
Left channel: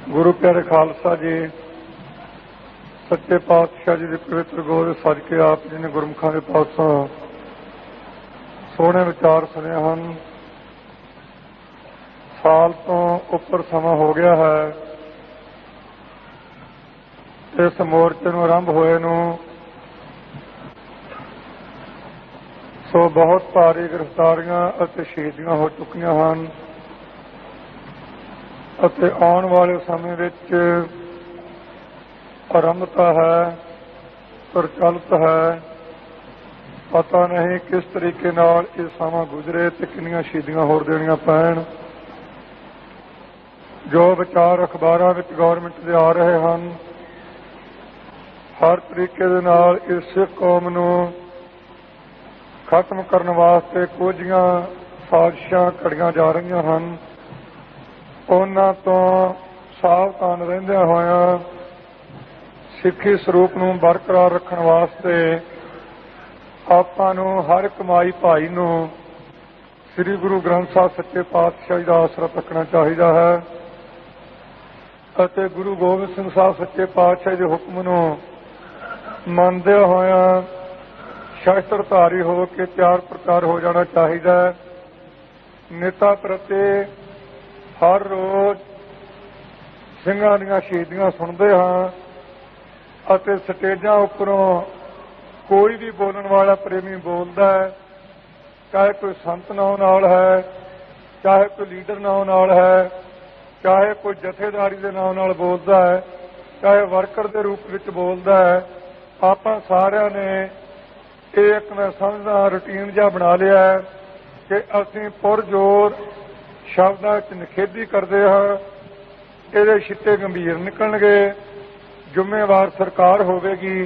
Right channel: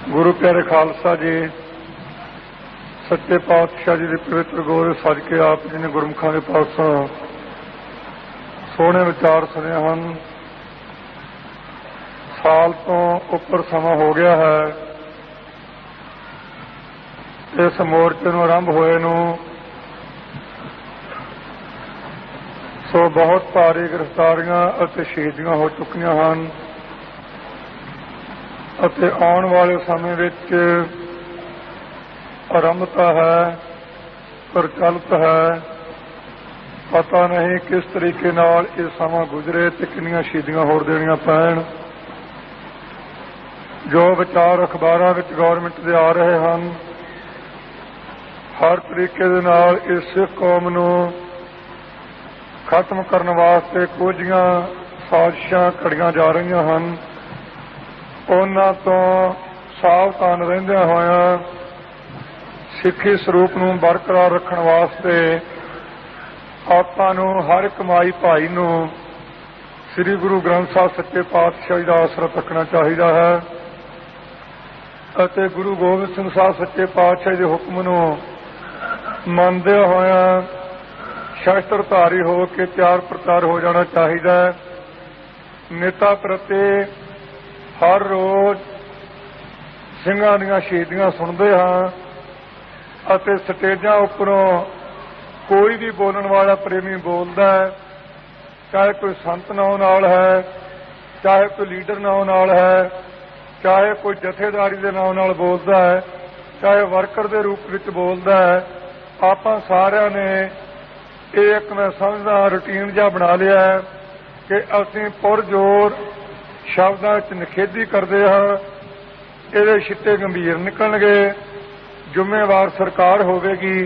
ਗੁਰੂ ਪਿਆਰੇ ਖਾਲਸਾ ਜੀ, ਸੱਚੇ ਪਾਤਸ਼ਾਹ ਜੀ ਦੇ ਪਵਿੱਤਰ ਗੋਦ ਵਿੱਚ ਸਜ ਕੇ ਆਪ ਜੀ ਨੇ ਗੁਰਮੁਖਾਂ ਦੇ ਪਾਸੋਂ ਸੋਹਣੇ ਵਿਚਾਰ ਸੁਣੇ ਹਨ। ਸਾਲ ਤੋਂ ਉੱਪਰ ਸਮਾਂ ਹੋ ਗਿਆ ਹੈ ਇਸ ਮੋਰਚੇ ਨੂੰ ਆਰੰਭ ਹੋਏ ਨੂੰ। ਸੋ ਬਹੁਤ ਭਾਰੀ ਗ੍ਰਿਫਤਾਰੀਆਂ ਅਤੇ ਸ਼ਹੀਦੀਆਂ ਹੋ ਚੁੱਕੀਆਂ ਹਨ ਅਤੇ ਆਉਣ ਵਾਲੇ ਸਮੇਂ ਵਿੱਚ ਆਰੰਭਤਾ ਹੈ, ਪ੍ਰਚਲਿਤ ਹੈ। ਪਤਾ ਨਹੀਂ ਕਿਸ ਤਰੀਕੇ ਨਾਲ ਇਹ ਸਮਾਂ ਗੁਜ਼ਰੇ ਤੇ ਕਿੰਨੀਆਂ ਸ਼ਹੀਦੀਆਂ ਹੋਰ ਦੇਣੀਆਂ ਪੈਣ। जो विचार अखबारां विच गौरमेंट दे आ रहे हैं, हर तरीके दे नाल इस सिख कौम नूं खत्म करने वास्ते कुछियां साजिशां घड़ियां जा रही हैं। उन्हां तो सावधान रहिंदियां होइयां सिੱਖੀ ਸਰੂਪ ਨੂੰ बरकरार रखने वास्ते आपां नूं हर एक माई भाई नूं श्री गुरु ग्रंथ साहिब सच्चे पातशाही का आसरा रखना चाहिए है ਅਤੇ गुरु गोबिंद सिंह साहब सच्चे पातशाही के हुक्म नूं ਮੰਨਦੇ ਹੋਇਆਂ ਸ਼ਸਤਰਧਾਰੀ हो के ਤਿਆਰ ਪ੍ਰਤਾਰ हो जाना चाहिए। नेता प्रति हर रोज ਸਿੰਘਾਂ ਦੀਆਂ ਸ਼ਹੀਦੀਆਂ सुनते हाँ ਅਤੇ ਸਟੇਜਾਂ ਉੱਪਰੋਂ कोई भी बोलने वाला प्रेमी बोलता है, चाहे कोई संत नाम नाल है, चाहे कोई लीडर नाम नाल है, चाहे कोई जथेदारी के नाम नाल बोलता है, चाहे वर्कर के रूप में बोलता है। आपां सारिਆਂ ने एक मैं समझदा रूटीन जिहा बना लिया है कि असीं पुरजोर शब्दां विच निखेधी करते हाँ। ਇਹਦੇ ਛਿੱਟੇ गंभीर निकलणगे, ਜ਼ਿੰਮੇਵਾਰ सरकार होवेगी,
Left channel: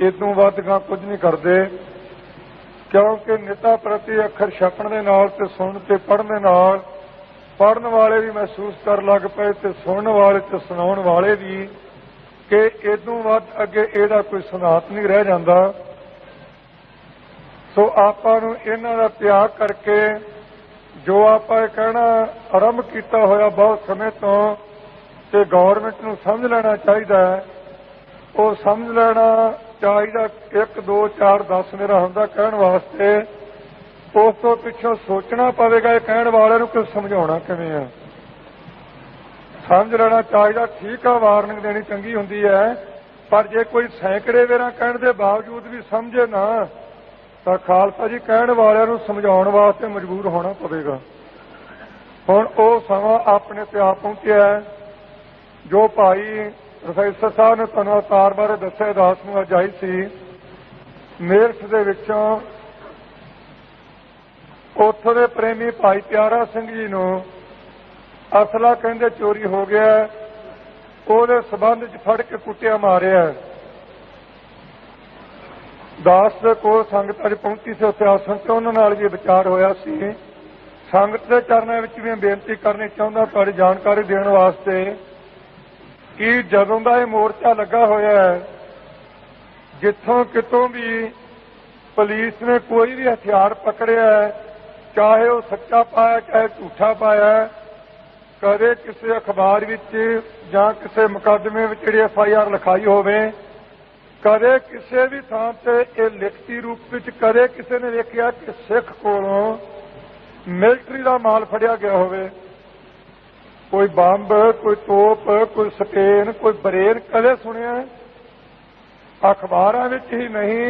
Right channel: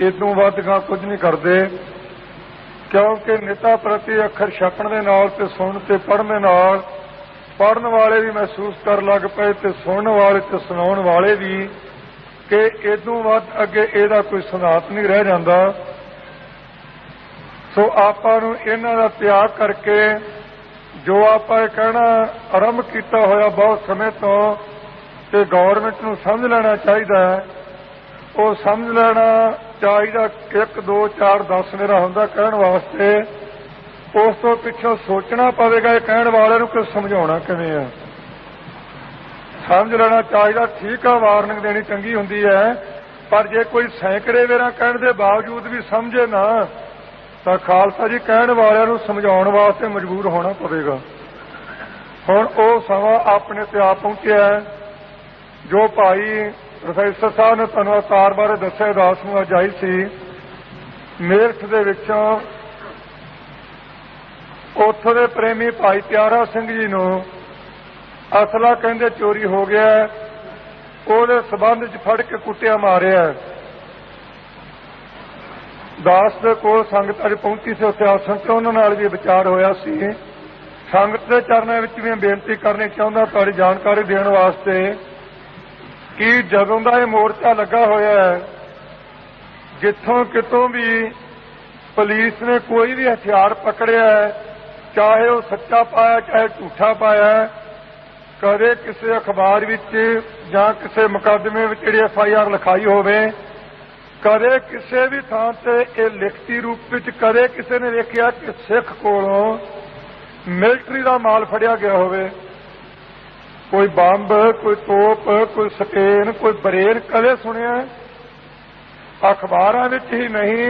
इदों वध गां कुछ नहीं करते। क्योंकि नेता प्रति अखर छपण दे नाल ते सुन ते पढ़न दे नाल पढ़न वाले भी महसूस कर लग पे ते सुनने वाले ते सुनाउण वाले भी कि इदों वध अगे इहदा कोई सिद्धांत नहीं रह जांदा। सो आपां नूं इन्हां दा त्याग करके जो आपां कहना आरंभ कीता होया बहुत समय तो ते गौरमेंट नूं समझ लेना चाहिए। वो समझ लेना चाहिए 1 2 4 10 मेरा हुंदा कहण वास्ते, उस तो पिछों सोचना पवेगा ये कहण वाले नूं कुछ समझाउणा किवें है। समझ लेना चाहिए, ठीक है वार्निंग देनी चंगी हुंदी है, पर जे कोई सैकड़े वेरा कहण दे बावजूद भी समझे ना तो खालसा जी कहण वालिਆਂ ਨੂੰ समझाउण वास्ते मजबूर होना पवेगा। हुण वो समा अपने ते आ पहुंचिया है। जो भाई प्रोफैसर साहब ने तुहानूं अवतार बारे दस्सिया दास ਨੂੰ ਅੱਜ ਆਈ ਸੀ मेरठ ਦੇ ਵਿੱਚੋਂ, ਉੱਥੋਂ ਦੇ ਪ੍ਰੇਮੀ ਭਾਈ ਪਿਆਰਾ ਸਿੰਘ ਜੀ ਨੂੰ ਅਸਲਾ ਕਹਿੰਦੇ ਚੋਰੀ ਹੋ ਗਿਆ, ਉਹਦੇ ਸਬੰਧ 'ਚ ਫੜ ਕੇ ਕੁੱਟਿਆ ਮਾਰਿਆ। ਦਾਸ ਦੇ ਕੋਲ ਸੰਗਤ ਅੱਜ ਪਹੁੰਚੀ ਸੀ, ਉੱਥੇ ਆਸਣ ਤੇ ਉਹਨਾਂ ਨਾਲ ਵੀ ਵਿਚਾਰ ਹੋਇਆ ਸੀ। ਸੰਗਤ ਦੇ ਚਰਨਾਂ ਵਿੱਚ ਵੀ ਬੇਨਤੀ ਕਰਨੀ ਚਾਹੁੰਦਾ ਤੁਹਾਡੀ ਜਾਣਕਾਰੀ ਦੇਣ ਵਾਸਤੇ कि जदों का यह मोर्चा लगा होया है, जिथों कितों भी पुलिस ने कोई भी हथियार पकड़िया है, चाहे वह सच्चा पाया चाहे झूठा पाया, कदे किसी अखबार विच जां किसी मुकदमे विच जिहड़ी FIR लिखाई होवे, कदे किसी भी थां ते ये लिखती रूप विच कदे किसी ने वेखिया कि सिख कोलों मिलिटरी का माल फड़िया गया होवे। कोई बंब, कोई तोप, कोई स्पेन, कोई बरेर कदे सुनिया? अखबारां विच ही नहीं,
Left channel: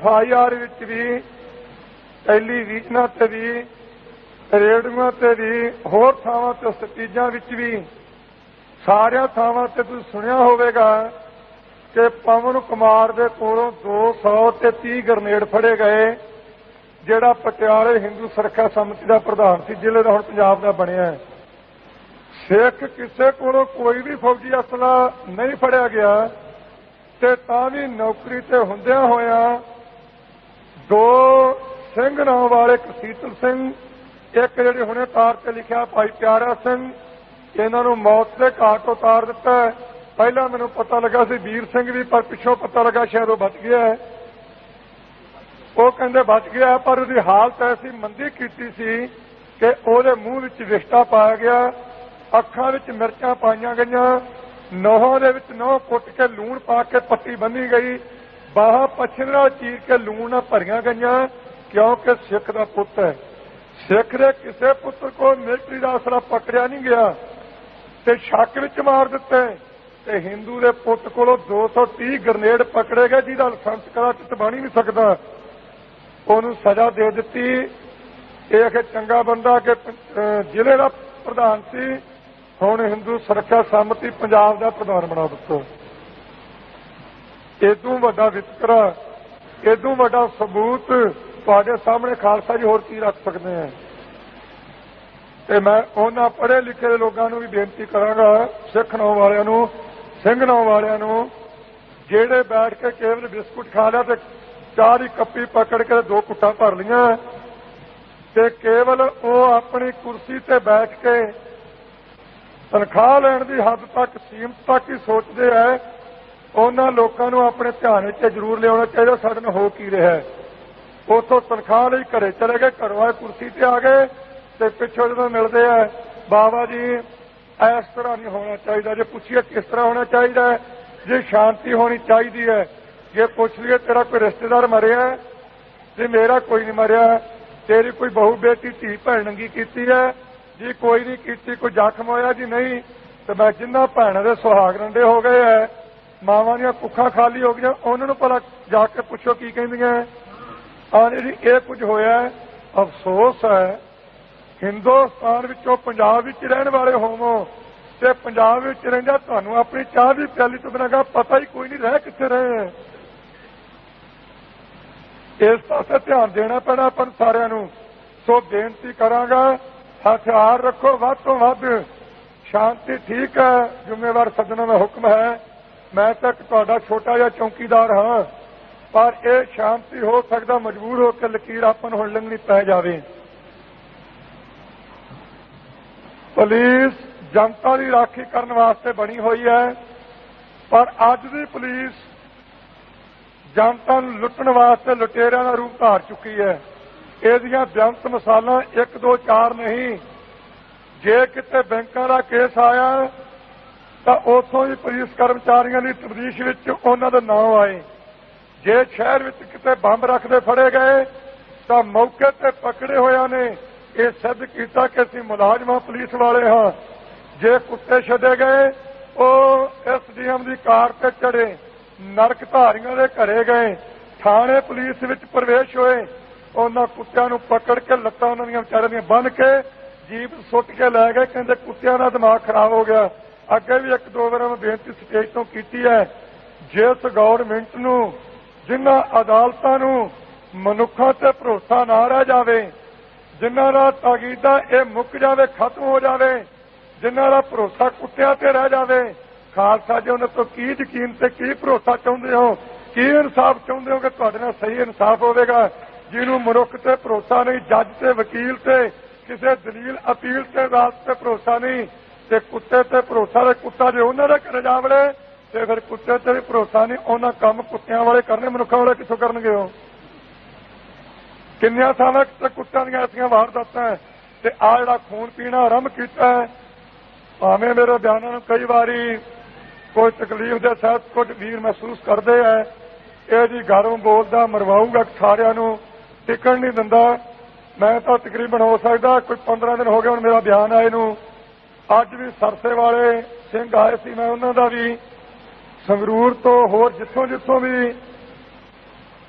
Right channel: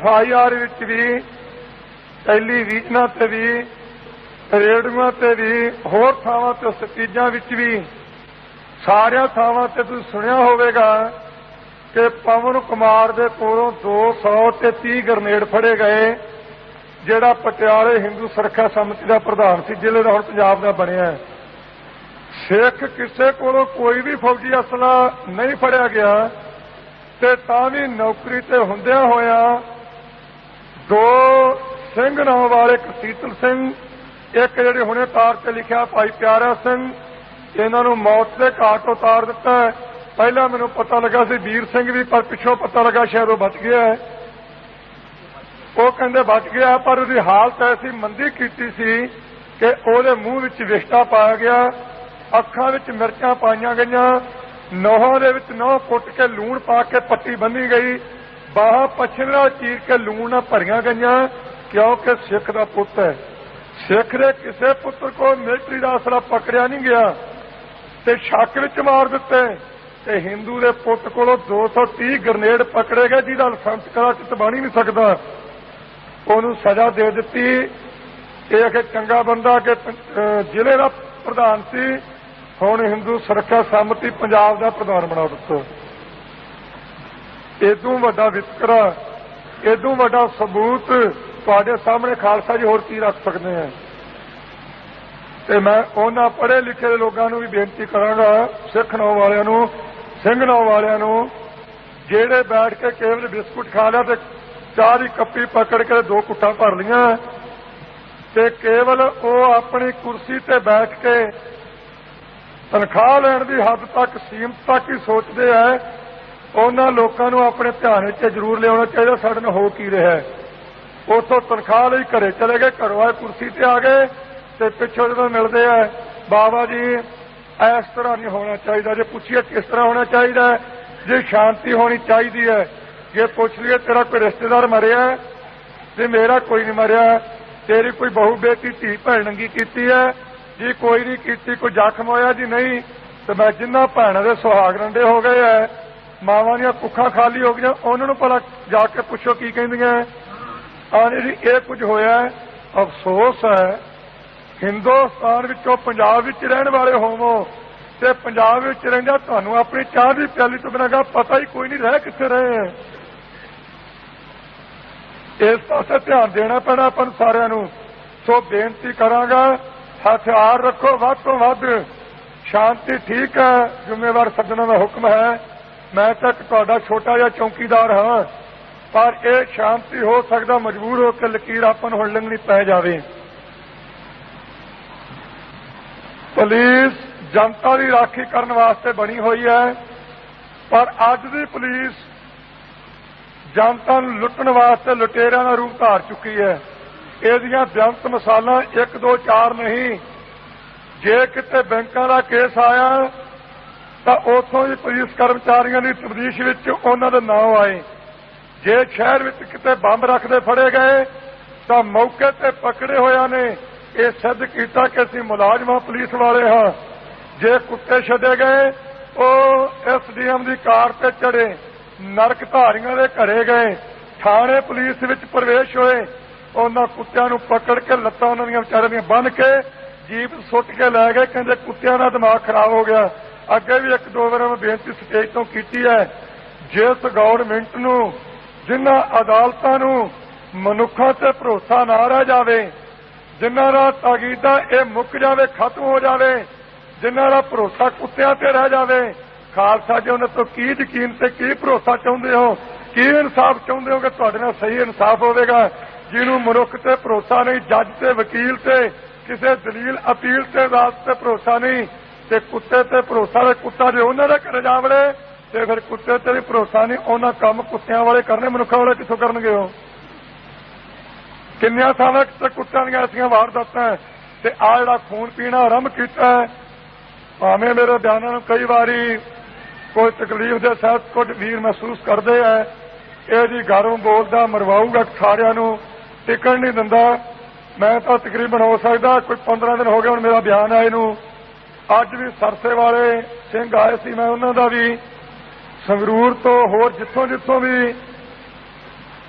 FIR विच भी, टेलीविजनां ते भी, रेडियोआं ते भी, होर थावां ते स्पीचां विच भी, सारियां थावां ते तुसीं सुनिया होवेगा कि पवन कुमार दे कोलों 230 ग्रनेड फड़े गए, जिहड़ा पटियाले हिंदू सुरक्षा समिति का प्रधान सी, जिले का हुण पंजाब का बनिया। सिख किसी को कोई भी फौजी असला नहीं फड़िया गया, ते तां भी नौकरी ते हुंदियां होया 2 सिंह नाम वाले, एक सीतल सिंह, एक जिहड़े हुणे तार ते लिखिया भाई प्यारा सिंह, इन्हां नूं मौत के घाट उतार दिता। पहला मैनूं पता लगा सी वीर सिंह भी, पर पिछों पता लगा शायद वो बच गया है। वो कहंदे बच गया, पर उसकी हालत ऐसी मंदी कीती सी कि उहदे मूँह विच विष्टा पाया गया, अखां विच मिर्चां पाईयां गईयां, नौहां दे विच नौह कुट के लूण पा के पट्टी बन्नी गई, बाहां पछम नाल चीर के लूण नाल भरियां गईयां, क्योंकि सिख दा पुत्त है। सिख दे किसी पुत्र को मिलिटरी दा असला पकड़िया नहीं गया ते शक विच मार दिते, ते हिंदू दे पुत्त कोलों 230 ग्रनेड पकड़े गए, जिहदा लाइसेंस कराचित बन ही नहीं सकदा। उहनूं सजा दे दित्ती। इह चंगा बंदा कि जिले का प्रधान सी, हुण हिंदू सुरक्षा समिति पंजाब का प्रधान बना दिता। इदों वड्डा वितकरा, इदों वड्डा सबूत तुहाडे सामने खालसा जी होर की रख सकते हैं। ਤੇ ਮੈਂ ਉਹਨਾਂ ਪੜ੍ਹੇ ਲਿਖੇ ਲੋਕਾਂ ਨੂੰ ਵੀ ਬੇਨਤੀ ਕਰਾਂਗਾ, ਸਿੱਖ ਨੌ ਵਾਲਿਆਂ ਨੂੰ, ਸਿੰਘ ਨੌ ਵਾਲਿਆਂ ਨੂੰ, ਜਿਹੜੇ ਬੈਠ ਕੇ ਕੇਵਲ ਬਿਸਕੁਟ ਖਾ ਲਿਆ ਤੇ ਚਾਹ ਦੀ ਕੱਪੀ ਪਕੜ ਕੇ 2 ਘੁੱਟਾਂ ਭਰ ਲੀਆਂ ਤੇ ਕੇਵਲ ਉਹ ਆਪਣੀ ਕੁਰਸੀ ਤੇ ਬੈਠ ਕੇ ਤਨਖਾਹ ਲੈਣ ਦੀ ਹੱਦ ਤੱਕ ਸੀਮਤ ਤੱਕ ਹੀ ਸੋਚਦੇ ਹੈ, ਉਹਨਾਂ ਲੋਕਾਂ ਨੂੰ ਆਪਣੇ ਧਿਆਨ ਵਿੱਚ ਜ਼ਰੂਰ ਲਿਆਉਣਾ ਚਾਹੀਦਾ ਸਾਡੇ ਨਾਲ ਹੋ ਕੀ ਰਿਹਾ ਹੈ। ਉੱਥੋਂ ਤਨਖਾਹ ਲਈ ਘਰੇ ਚਲੇ ਗਏ, ਘਰੋਂ ਆਏ ਕੁਰਸੀ ਤੇ ਆ ਗਏ ਤੇ ਪਿੱਛੋਂ ਜਦੋਂ ਮਿਲਦੇ ਆ ਬਾਬਾ ਜੀ ਇਸ ਤਰ੍ਹਾਂ ਨਹੀਂ ਹੋਣਾ ਚਾਹੀਦਾ, ਜੇ ਪੁੱਛੀਏ ਕਿਸ ਤਰ੍ਹਾਂ ਹੋਣਾ ਚਾਹੀਦਾ, ਜੇ ਸ਼ਾਂਤੀ ਹੋਣੀ ਚਾਹੀਦੀ ਹੈ, ਜੇ ਪੁੱਛ ਲਈਏ ਤੇਰਾ ਕੋਈ ਰਿਸ਼ਤੇਦਾਰ ਮਰਿਆ ਤੇ ਮੇਰਾ ਕੋਈ ਨਹੀਂ ਮਰਿਆ, ਤੇਰੀ ਕੋਈ ਬਹੂ ਬੇਟੀ ਧੀ ਭੈਣ ਨੰਗੀ ਕੀਤੀ ਹੈ ਜੀ, ਕੋਈ ਨਹੀਂ ਕੀਤੀ, ਕੋਈ ਜ਼ਖਮ ਹੋਇਆ ਜੀ ਨਹੀਂ, ਤੇ ਮੈਂ ਜਿੰਨਾ ਭੈਣਾਂ ਦੇ ਸੁਹਾਗ ਰੰਡੇ ਹੋ ਗਏ ਹੈ, ਮਾਵਾਂ ਦੀਆਂ ਕੁੱਖਾਂ ਖਾਲੀ ਹੋ ਗਈਆਂ, ਉਹਨਾਂ ਨੂੰ ਭਲਾ ਜਾ ਕੇ ਪੁੱਛੋ ਕੀ ਕਹਿੰਦੀਆਂ ਜੀ ਇਹ ਕੁਝ ਹੋਇਆ। ਅਫਸੋਸ ਹੈ ਹਿੰਦੁਸਤਾਨ ਵਿੱਚੋਂ ਪੰਜਾਬ ਵਿੱਚ ਰਹਿਣ ਵਾਲੇ ਹੋਵੋ ਤੇ ਪੰਜਾਬ ਵਿੱਚ ਰਹਿੰਦਾ ਤੁਹਾਨੂੰ ਆਪਣੀ ਚਾਹ ਦੀ ਪਿਆਲੀ ਤੋਂ ਬਿਨਾਂ ਪਤਾ ਹੀ ਕੋਈ ਨਹੀਂ ਰਹਿ ਕਿੱਥੇ ਰਹੇ ਹੈ। ਇਸ ਪਾਸੇ ਧਿਆਨ ਦੇਣਾ ਪੈਣਾ ਆਪਾਂ ਨੂੰ ਸਾਰਿਆਂ ਨੂੰ। ਸੋ ਬੇਨਤੀ ਕਰਾਂਗਾ, ਹਥਿਆਰ ਰੱਖੋ ਵੱਧ ਤੋਂ ਵੱਧ, ਸ਼ਾਂਤੀ ਠੀਕ ਹੈ, ਜ਼ਿੰਮੇਵਾਰ ਸੱਜਣਾਂ ਦਾ ਹੁਕਮ ਹੈ, ਮੈਂ ਤਾਂ ਤੁਹਾਡਾ ਛੋਟਾ ਜਿਹਾ ਚੌਕੀਦਾਰ ਹਾਂ, ਪਰ ਇਹ ਸ਼ਾਂਤੀ ਹੋ ਸਕਦਾ ਮਜਬੂਰ ਹੋ ਕੇ ਲਕੀਰ ਆਪਾਂ ਨੂੰ ਹੁਣ ਲੰਘਣੀ ਪੈ ਜਾਵੇ। ਪੁਲਿਸ ਜਨਤਾ ਦੀ ਰਾਖੀ ਕਰਨ ਵਾਸਤੇ ਬਣੀ ਹੋਈ ਹੈ, ਪਰ ਅੱਜ ਦੀ ਪੁਲਿਸ ਜਨਤਾ ਨੂੰ ਲੁੱਟਣ ਵਾਸਤੇ ਲੁਟੇਰਿਆਂ ਦਾ ਰੂਪ ਧਾਰ ਚੁੱਕੀ ਹੈ। ਇਹਦੀਆਂ ਬੇਅੰਤ ਮਿਸਾਲਾਂ 1 2 4 ਨਹੀਂ। ਜੇ ਕਿਤੇ ਬੈਂਕਾਂ ਦਾ ਕੇਸ ਆਇਆ ਤਾਂ ਉੱਥੋਂ ਹੀ ਪੁਲਿਸ ਕਰਮਚਾਰੀਆਂ ਦੀ ਤਬਦੀਸ਼ ਵਿੱਚ ਉਹਨਾਂ ਦੇ ਨਾਂ ਆਏ। ਜੇ ਸ਼ਹਿਰ ਵਿੱਚ ਕਿਤੇ ਬੰਬ ਰੱਖਦੇ ਫੜੇ ਗਏ ਤਾਂ ਮੌਕੇ ਤੇ ਪਕੜੇ ਹੋਇਆਂ ਨੇ ਇਹ ਸਿੱਧ ਕੀਤਾ ਕਿ ਅਸੀਂ ਮੁਲਾਜ਼ਮਾਂ ਪੁਲਿਸ ਵਾਲੇ ਹਾਂ। ਜੇ ਕੁੱਤੇ ਛੱਡੇ ਗਏ ਉਹ ਐਸਡੀਐਮ ਦੀ ਕਾਰ ਤੇ ਚੜੇ, ਨਰਕ ਧਾਰੀਆਂ ਦੇ ਘਰੇ ਗਏ, ਥਾਣੇ ਪੁਲਿਸ ਵਿੱਚ ਪ੍ਰਵੇਸ਼ ਹੋਏ, ਉਹਨਾਂ ਕੁੱਤਿਆਂ ਨੂੰ ਪਕੜ ਕੇ ਲੱਤਾਂ ਉਹਨਾਂ ਦੀਆਂ ਵਿਚਾਰਿਆਂ ਦੀਆਂ ਬੰਨ੍ਹ ਕੇ ਜੀਪ ਸੁੱਟ ਕੇ ਲੈ ਗਏ, ਕਹਿੰਦੇ ਕੁੱਤਿਆਂ ਦਾ ਦਿਮਾਗ ਖਰਾਬ ਹੋ ਗਿਆ। ਅੱਗੇ ਵੀ 1 2 ਵਾਰ ਮੈਂ ਬੇਨਤੀ ਸਟੇਜ ਤੋਂ ਕੀਤੀ ਹੈ, ਜਿਸ ਗਵਰਨਮੈਂਟ ਨੂੰ, ਜਿਨ੍ਹਾਂ ਅਦਾਲਤਾਂ ਨੂੰ ਮਨੁੱਖਾਂ ਤੇ ਭਰੋਸਾ ਨਾ ਰਹਿ ਜਾਵੇ, ਜਿਨ੍ਹਾਂ ਦਾ ਤਾਕੀਦਾ ਇਹ ਮੁੱਕ ਜਾਵੇ, ਖਤਮ ਹੋ ਜਾਵੇ, ਜਿਨ੍ਹਾਂ ਦਾ ਭਰੋਸਾ ਕੁੱਤਿਆਂ ਤੇ ਰਹਿ ਜਾਵੇ, ਖਾਲਸਾ ਜੀ ਉਹਨਾਂ ਤੋਂ ਕੀ ਯਕੀਨ ਤੇ ਕੀ ਭਰੋਸਾ ਚਾਹੁੰਦੇ ਹੋ, ਕੀ ਇਨਸਾਫ ਚਾਹੁੰਦੇ ਹੋ ਕਿ ਤੁਹਾਡੇ ਨਾਲ ਸਹੀ ਇਨਸਾਫ ਹੋਵੇਗਾ। ਜਿਹਨੂੰ ਮਨੁੱਖ ਤੇ ਭਰੋਸਾ ਨਹੀਂ, ਜੱਜ ਤੇ ਵਕੀਲ ਤੇ ਕਿਸੇ ਦਲੀਲ ਅਪੀਲ ਤੇ ਅਦਾਲਤ ਤੇ ਭਰੋਸਾ ਨਹੀਂ, ਤੇ ਕੁੱਤੇ ਤੇ ਭਰੋਸਾ ਦੇ ਕੁੱਤਾ ਜੇ ਉਹਨਾਂ ਦੇ ਘਰ ਜਾ ਵੜੇ ਤੇ ਫਿਰ ਕੁੱਤੇ ਤੇ ਵੀ ਭਰੋਸਾ ਨਹੀਂ, ਉਹਨਾਂ ਕੰਮ ਕੁੱਤਿਆਂ ਵਾਲੇ ਕਰਨੇ, ਮਨੁੱਖਾਂ ਵਾਲੇ ਕਿੱਥੋਂ ਕਰਨਗੇ। ਉਹ ਕਿੰਨੀਆਂ ਥਾਵਾਂ ਤੇ ਕੁੱਤਿਆਂ ਦੀਆਂ ਐਸੀਆਂ ਵਾਰਦਾਤਾਂ ਤੇ ਆ ਜਿਹੜਾ ਖੂਨ ਪੀਣਾ ਆਰੰਭ ਕੀਤਾ ਹੈ। ਭਾਵੇਂ ਮੇਰੇ ਬਿਆਨਾਂ ਨੂੰ ਕਈ ਵਾਰੀ ਕੋਈ ਤਕਲੀਫ ਦੇ ਸਹਿਤ ਕੁਝ ਵੀਰ ਮਹਿਸੂਸ ਕਰਦੇ ਹੈ, ਇਹਦੀ ਗਰਮ ਬੋਲਦਾ ਮਰਵਾਊਗਾ, ਸਾਰਿਆਂ ਨੂੰ ਟਿਕਣ ਨਹੀਂ ਦਿੰਦਾ। ਮੈਂ ਤਾਂ ਤਕਰੀਬਨ ਹੋ ਸਕਦਾ ਕੋਈ 15 ਦਿਨ ਹੋ ਗਏ ਹੁਣ ਮੇਰਾ ਬਿਆਨ ਆਏ ਨੂੰ। ਅੱਜ ਵੀ ਸਰਸੇ ਵਾਲੇ ਸਿੰਘ ਆਏ ਸੀ, ਮੈਂ ਉਹਨਾਂ ਦਾ ਵੀ ਸੰਗਰੂਰ ਤੋਂ ਹੋਰ ਜਿੱਥੋਂ ਵੀ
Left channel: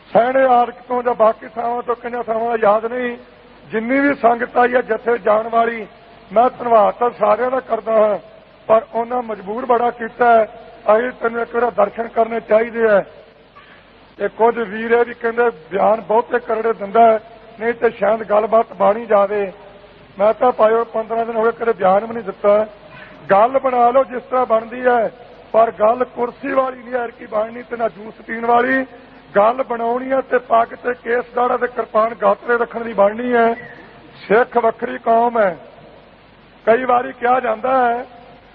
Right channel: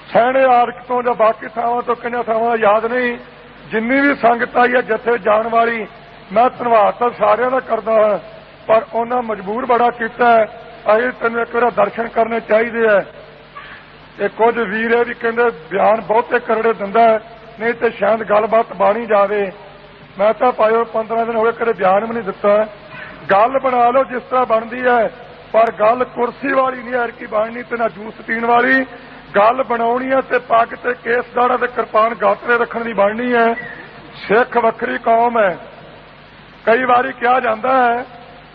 ਸੈਣੇ ਆਰਕ ਤੋਂ ਜਾਂ ਬਾਕੀ ਥਾਵਾਂ ਤੋਂ ਕਿੰਨੀਆਂ ਥਾਵਾਂ ਯਾਦ ਨਹੀਂ, ਜਿੰਨੀ ਵੀ ਸੰਗਤ ਆਈ ਹੈ ਜੱਥੇ ਜਾਣ ਵਾਲੀ, ਮੈਂ ਧੰਨਵਾਦ ਤਾਂ ਸਾਰਿਆਂ ਦਾ ਕਰਦਾ ਹਾਂ, ਪਰ ਉਹਨਾਂ ਮਜਬੂਰ ਬੜਾ ਕੀਤਾ ਹੈ। ਅਸੀਂ ਤੈਨੂੰ ਇੱਕ ਵਾਰ ਦਰਸ਼ਨ ਕਰਨੇ ਚਾਹੀਦੇ ਹੈ। ਇਹ ਕੁਝ ਵੀਰ ਇਹ ਵੀ ਕਹਿੰਦੇ ਬਿਆਨ ਬਹੁਤੇ ਕਰੜੇ ਦਿੰਦਾ, ਨਹੀਂ ਤੇ ਸ਼ਾਇਦ ਗੱਲਬਾਤ ਬਾਣੀ ਜਾਵੇ। ਮੈਂ ਤਾਂ ਪਾਇਓ 15 ਦਿਨ ਹੋ ਗਏ ਕਦੇ ਬਿਆਨ ਵੀ ਨਹੀਂ ਦਿੱਤਾ। ਗੱਲ ਬਣਾ ਲਓ ਜਿਸ ਤਰ੍ਹਾਂ ਬਣਦੀ ਹੈ, ਪਰ ਗੱਲ ਕੁਰਸੀ ਵਾਲੀ ਨਹੀਂ ਐਰਕੀ ਬਣਨੀ ਤੇ ਨਾ ਜੂਸ ਪੀਣ ਵਾਲੀ। ਗੱਲ ਬਣਾਉਣੀ ਹੈ ਤੇ ਪੱਗ ਤੇ ਕੇਸ ਦਾੜਾ ਤੇ ਕਿਰਪਾਨ ਗਾਤਰੇ ਰੱਖਣ ਦੀ ਬਣਨੀ ਹੈ। ਸਿੱਖ ਵੱਖਰੀ ਕੌਮ ਹੈ। ਕਈ ਵਾਰੀ ਕਿਹਾ ਜਾਂਦਾ ਹੈ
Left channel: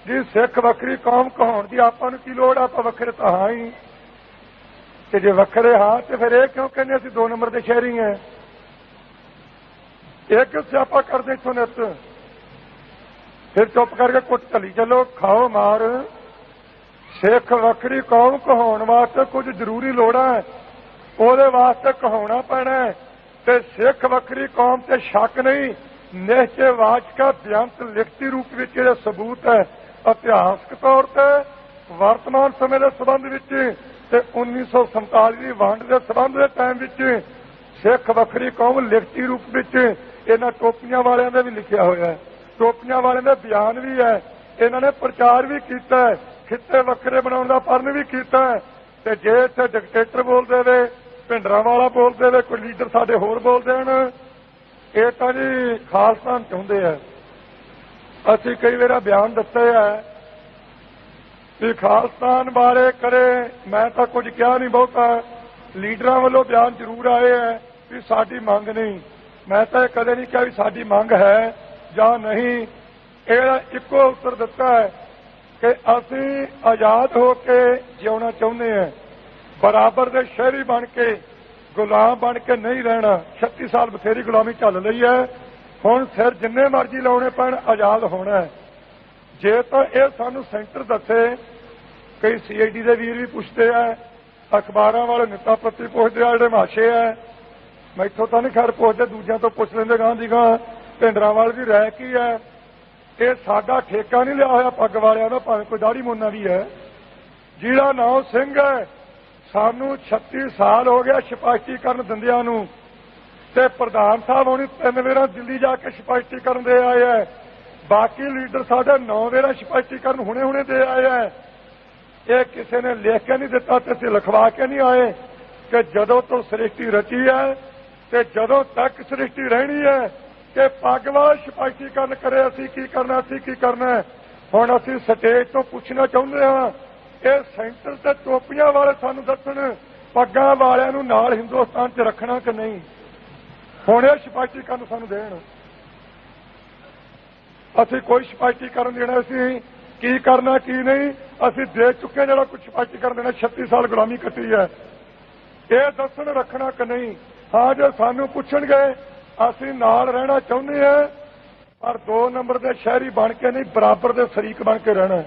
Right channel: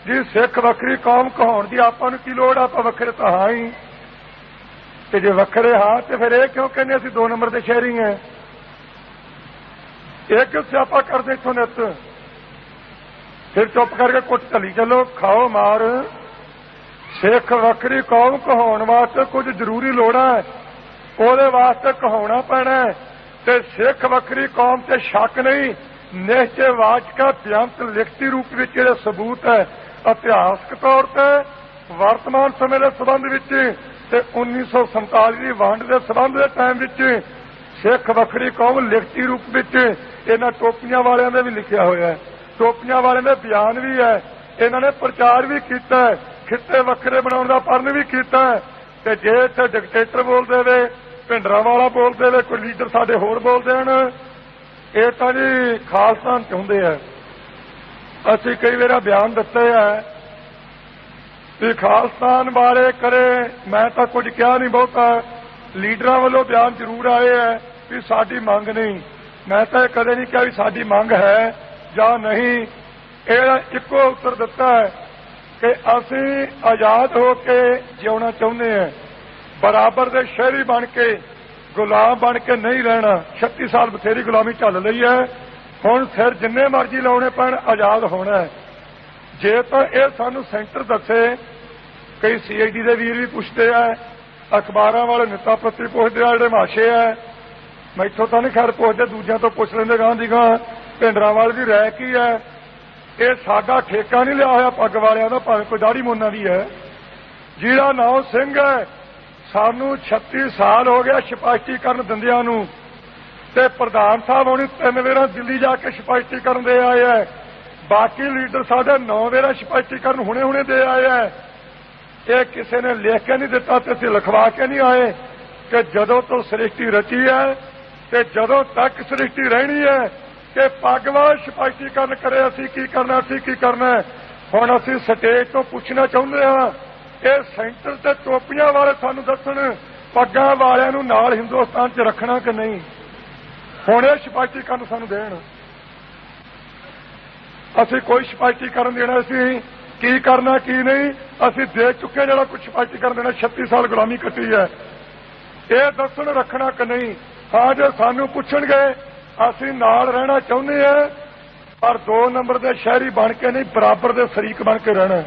ਜੀ ਸਿੱਖ ਵੱਖਰੀ ਕੌਮ ਕਹਾਉਣ ਦੀ ਆਪਾਂ ਨੂੰ ਕੀ ਲੋੜ, ਆਪਾਂ ਵੱਖਰੇ ਤਾਂ ਹਾਂ ਹੀ, ਤੇ ਜੇ ਵੱਖਰੇ ਹਾਂ ਤੇ ਫਿਰ ਇਹ ਕਿਉਂ ਕਹਿੰਦੇ ਅਸੀਂ 2 ਨੰਬਰ ਦੇ ਸ਼ਹਿਰੀ ਹਾਂ। ਇਹ ਕਿਉਂ ਸਿਆਪਾ ਕਰਦੇ ਇੱਥੋਂ ਨਿੱਤ, ਫਿਰ ਚੁੱਪ ਕਰਕੇ ਕੁੱਟ ਢਲੀ ਚੱਲੋ, ਖਾਓ ਮਾਰ। ਸਿੱਖ ਵੱਖਰੀ ਕੌਮ ਕਹਾਉਣ ਵਾਸਤੇ ਕੁਝ ਜ਼ਰੂਰੀ ਲੋੜਾਂ ਹੈ, ਉਹਦੇ ਵਾਸਤੇ ਕਹਾਉਣਾ ਪੈਣਾ, ਤੇ ਸਿੱਖ ਵੱਖਰੀ ਕੌਮ ਤੇ ਸ਼ੱਕ ਨਹੀਂ। ਨਿਸ਼ਚੈ ਵਾਚਕਾ ਬੇਅੰਤ ਲਿਖਤੀ ਰੂਪ ਵਿੱਚ ਜਿਹੜੇ ਸਬੂਤ ਹੈ, ਇਤਿਹਾਸਕ ਤੌਰ ਤੇ ਵਰਤਮਾਨ ਸਮੇਂ ਦੇ ਸੰਬੰਧ ਵਿੱਚ ਤੇ 1947 ਦੀ ਵੰਡ ਦੇ ਸੰਬੰਧ ਦੇ ਟਾਈਮ ਵਿੱਚ ਸਿੱਖ ਵੱਖਰੀ ਕੌਮ ਲਿਖਤੀ ਰੂਪ ਵਿੱਚ ਇਹਨਾਂ ਟੋਪੀਆਂ ਵਾਲਿਆਂ ਦਾ ਵੀ ਲਿਖਿਆ ਹੋਇਆ ਹੈ। ਟੋਪੀਆਂ ਵਾਲਿਆਂ ਦੇ ਬਿਆਨ ਵੀ ਹੈ, ਇਹਨਾਂ ਨੇ ਪ੍ਰਚਾਰ ਵੀ ਕੀਤਾ ਹੈ, ਖਿੱਤੇ ਵੱਖਰੇ ਬਣਾਉਣ ਦਾ ਪਰਨ ਵੀ ਕੀਤਾ ਹੈ। ਤੇ ਜੇ ਇੱਥੇ ਡਿਕਟੇਟਰ ਬੋਲਦੇ ਵੇ, ਭਿੰਡਰਾਂ ਵਾਲਾ ਬੋਲਦੇ ਵੇ, ਕੋਈ ਲੀਡਰ ਸਾਡੇ ਹੋਰ ਬੋਲਦੇ ਹਨ, ਇਹ ਤਾਂ ਜੀ ਖਾਲਸਾ ਚਾਹੁੰਦੇ ਆ। ਅਸੀਂ ਕਈ ਵਾਰ ਬਿਆਨ ਦਿੱਤੇ ਹੈ ਵੀ ਖਾਲਸਤਾਨ ਬਾਰੇ ਕਰੇ, ਮੈਂ ਤਾਂ ਕੁਝ ਕਿਹਾ ਨਹੀਂ ਬਹੁਤਾ, ਲੀਡਰਾਂ ਵੱਲੋਂ ਬਿਆਨ ਜ਼ਰੂਰ ਆਏ ਹੈ ਵੀ ਸਾਡੀ ਮੰਗ ਨਹੀਂ। ਮੈਂ ਤਾਂ ਇਹ ਕਦੇ ਨਹੀਂ ਕਿਹਾ ਵੀ ਸਾਡੀ ਮੰਗ ਹੈ ਜਾਂ ਨਹੀਂ। ਇਹਦਾ ਇੱਕੋ ਉੱਤਰ ਦਿੱਤਾ ਹੈ ਕਿ ਅਸੀਂ ਆਜ਼ਾਦ ਹੋ ਕੇ ਜਿਉਣਾ ਚਾਹੁੰਦੇ ਹਾਂ, ਬਰਾਬਰ ਦੇ ਸ਼ਹਿਰੀ ਬਣ ਕੇ, ਗੁਲਾਮ ਬਣ ਕੇ ਨਹੀਂ ਰਹਿਣਾ। 36 ਸਾਲ ਬਥੇਰੀ ਗੁਲਾਮੀ ਝੱਲ ਲਈ ਹੈ, ਹੁਣ ਸਿਰ ਜਿੰਨੇ ਮਰਜ਼ੀ ਲਾਉਣੇ ਪੈਣ, ਆਜ਼ਾਦ ਹੋਣਾ ਹੈ। ਜੇ ਤਾਂ ਇਹ ਸਾਨੂੰ ਸੈਂਟਰ ਦੱਸੇ, ਕਈ CID ਦੇ ਵੀਰ ਵੀ ਪੁੱਛਦੇ ਆ, ਅਖਬਾਰਾਂ ਵਾਲੇ ਨੇਤਾ ਪੱਤਰੀ ਪੁੱਛਦੇ ਆ, ਜਿਹੜੇ ਮਾਸ਼ੇ ਆ, ਮੈਥੋਂ ਤਾਂ ਨਹੀਂ ਖੈਰ ਪੁੱਛਦੇ, ਦੂਜਿਆਂ ਤੋਂ ਪੁੱਛ ਲੈਂਦੇ ਗਾਂ ਦੀ ਗਾਂ ਭਿੰਡਰਾਂਵਾਲੇ ਦੀ ਰਾਇ ਕੀ ਹੈ। ਇਹ ਸਾਡਾ ਠੇਕਾ ਨਹੀਂ ਲਿਆ ਹੋਇਆ ਪੱਗ ਵਾਲਿਆਂ ਦਾ, ਭਾਵੇਂ ਕੋਈ ਦਾੜੀ ਮੋਨਾ ਵੀ ਹੈ। ਜਿਹੜਾ ਨਾਮ ਸਿੰਘ ਹੈ, ਸਾਨੂੰ 36 ਸਾਲ ਹੋ ਗਿਆ ਸਪਸ਼ਟੀਕਰਨ ਦਿੰਦਿਆਂ ਨੂੰ, ਤੇ ਪ੍ਰਧਾਨ ਸਾਹਿਬ ਹੁਣੀ 3 ਵਾਰ ਦਿੱਲੀ ਜਾ ਕੇ ਸਪਸ਼ਟੀਕਰਨ ਦੇ ਆਏ ਹੈ। ਬਾਕੀ ਲੀਡਰ ਸਾਡੇ 9 ਵਾਰ ਸਪਸ਼ਟੀਕਰਨ ਹੁਣੇ ਦੇ ਆਏ ਹੈ। ਇਹ ਕਿਸੇ ਨੇ ਲਿਖ ਕੇ ਨਹੀਂ ਦਿੱਤਾ ਤੇ ਅਸੀਂ ਲਿਖਵਾ ਕੇ ਨਹੀਂ ਆਏ ਕਿ ਜਦੋਂ ਤੋਂ ਸ੍ਰਿਸ਼ਟੀ ਰਚੀ ਹੈ ਤੇ ਜਦੋਂ ਤੱਕ ਸ੍ਰਿਸ਼ਟੀ ਰਹਿਣੀ ਹੈ ਕਿ ਪੱਗ ਵਾਲਾ ਸਪਸ਼ਟੀਕਰਨ ਕਰੇ, ਅਸੀਂ ਕੀ ਕਰਨਾ, ਅਸੀਂ ਕੀ ਕਰਨਾ। ਹੁਣ ਅਸੀਂ ਸਟੇਜ ਤੋਂ ਪੁੱਛਣਾ ਚਾਹੁੰਦੇ ਹਾਂ, ਇਹ ਸੈਂਟਰ ਤੇ ਟੋਪੀਆਂ ਵਾਲੇ ਸਾਨੂੰ ਦੱਸਣ ਪੱਗਾਂ ਵਾਲਿਆਂ ਨੂੰ ਨਾਲ ਹਿੰਦੁਸਤਾਨ 'ਚ ਰੱਖਣਾ ਕਿ ਨਹੀਂ। ਹੁਣ ਇਹ ਸਪਸ਼ਟੀਕਰਨ ਸਾਨੂੰ ਦੇਣ। ਅਸੀਂ ਕੋਈ ਸਪਸ਼ਟੀਕਰਨ ਦੇਣਾ, ਅਸੀਂ ਕੀ ਕਰਨਾ ਕੀ ਨਹੀਂ ਅਸੀਂ ਦੇ ਚੁੱਕੇ। ਜਿਹੜਾ ਕੁਝ ਸਪਸ਼ਟੀਕਰਨ ਦੇਣਾ, 36 ਸਾਲ ਗੁਲਾਮੀ ਕੱਟੀ ਹੈ, ਇਹ ਦੱਸਣ ਰੱਖਣਾ ਕਿ ਨਹੀਂ। ਹਾਂ, ਜੇ ਸਾਨੂੰ ਪੁੱਛਣਗੇ ਅਸੀਂ ਨਾਲ ਰਹਿਣਾ ਚਾਹੁੰਦੇ ਹਾਂ, ਪਰ 2 ਨੰਬਰ ਦੇ ਸ਼ਹਿਰੀ ਬਣ ਕੇ ਨਹੀਂ, ਬਰਾਬਰ ਦੇ ਸ਼ਰੀਕ ਬਣ ਕੇ ਰਹਿਣਾ।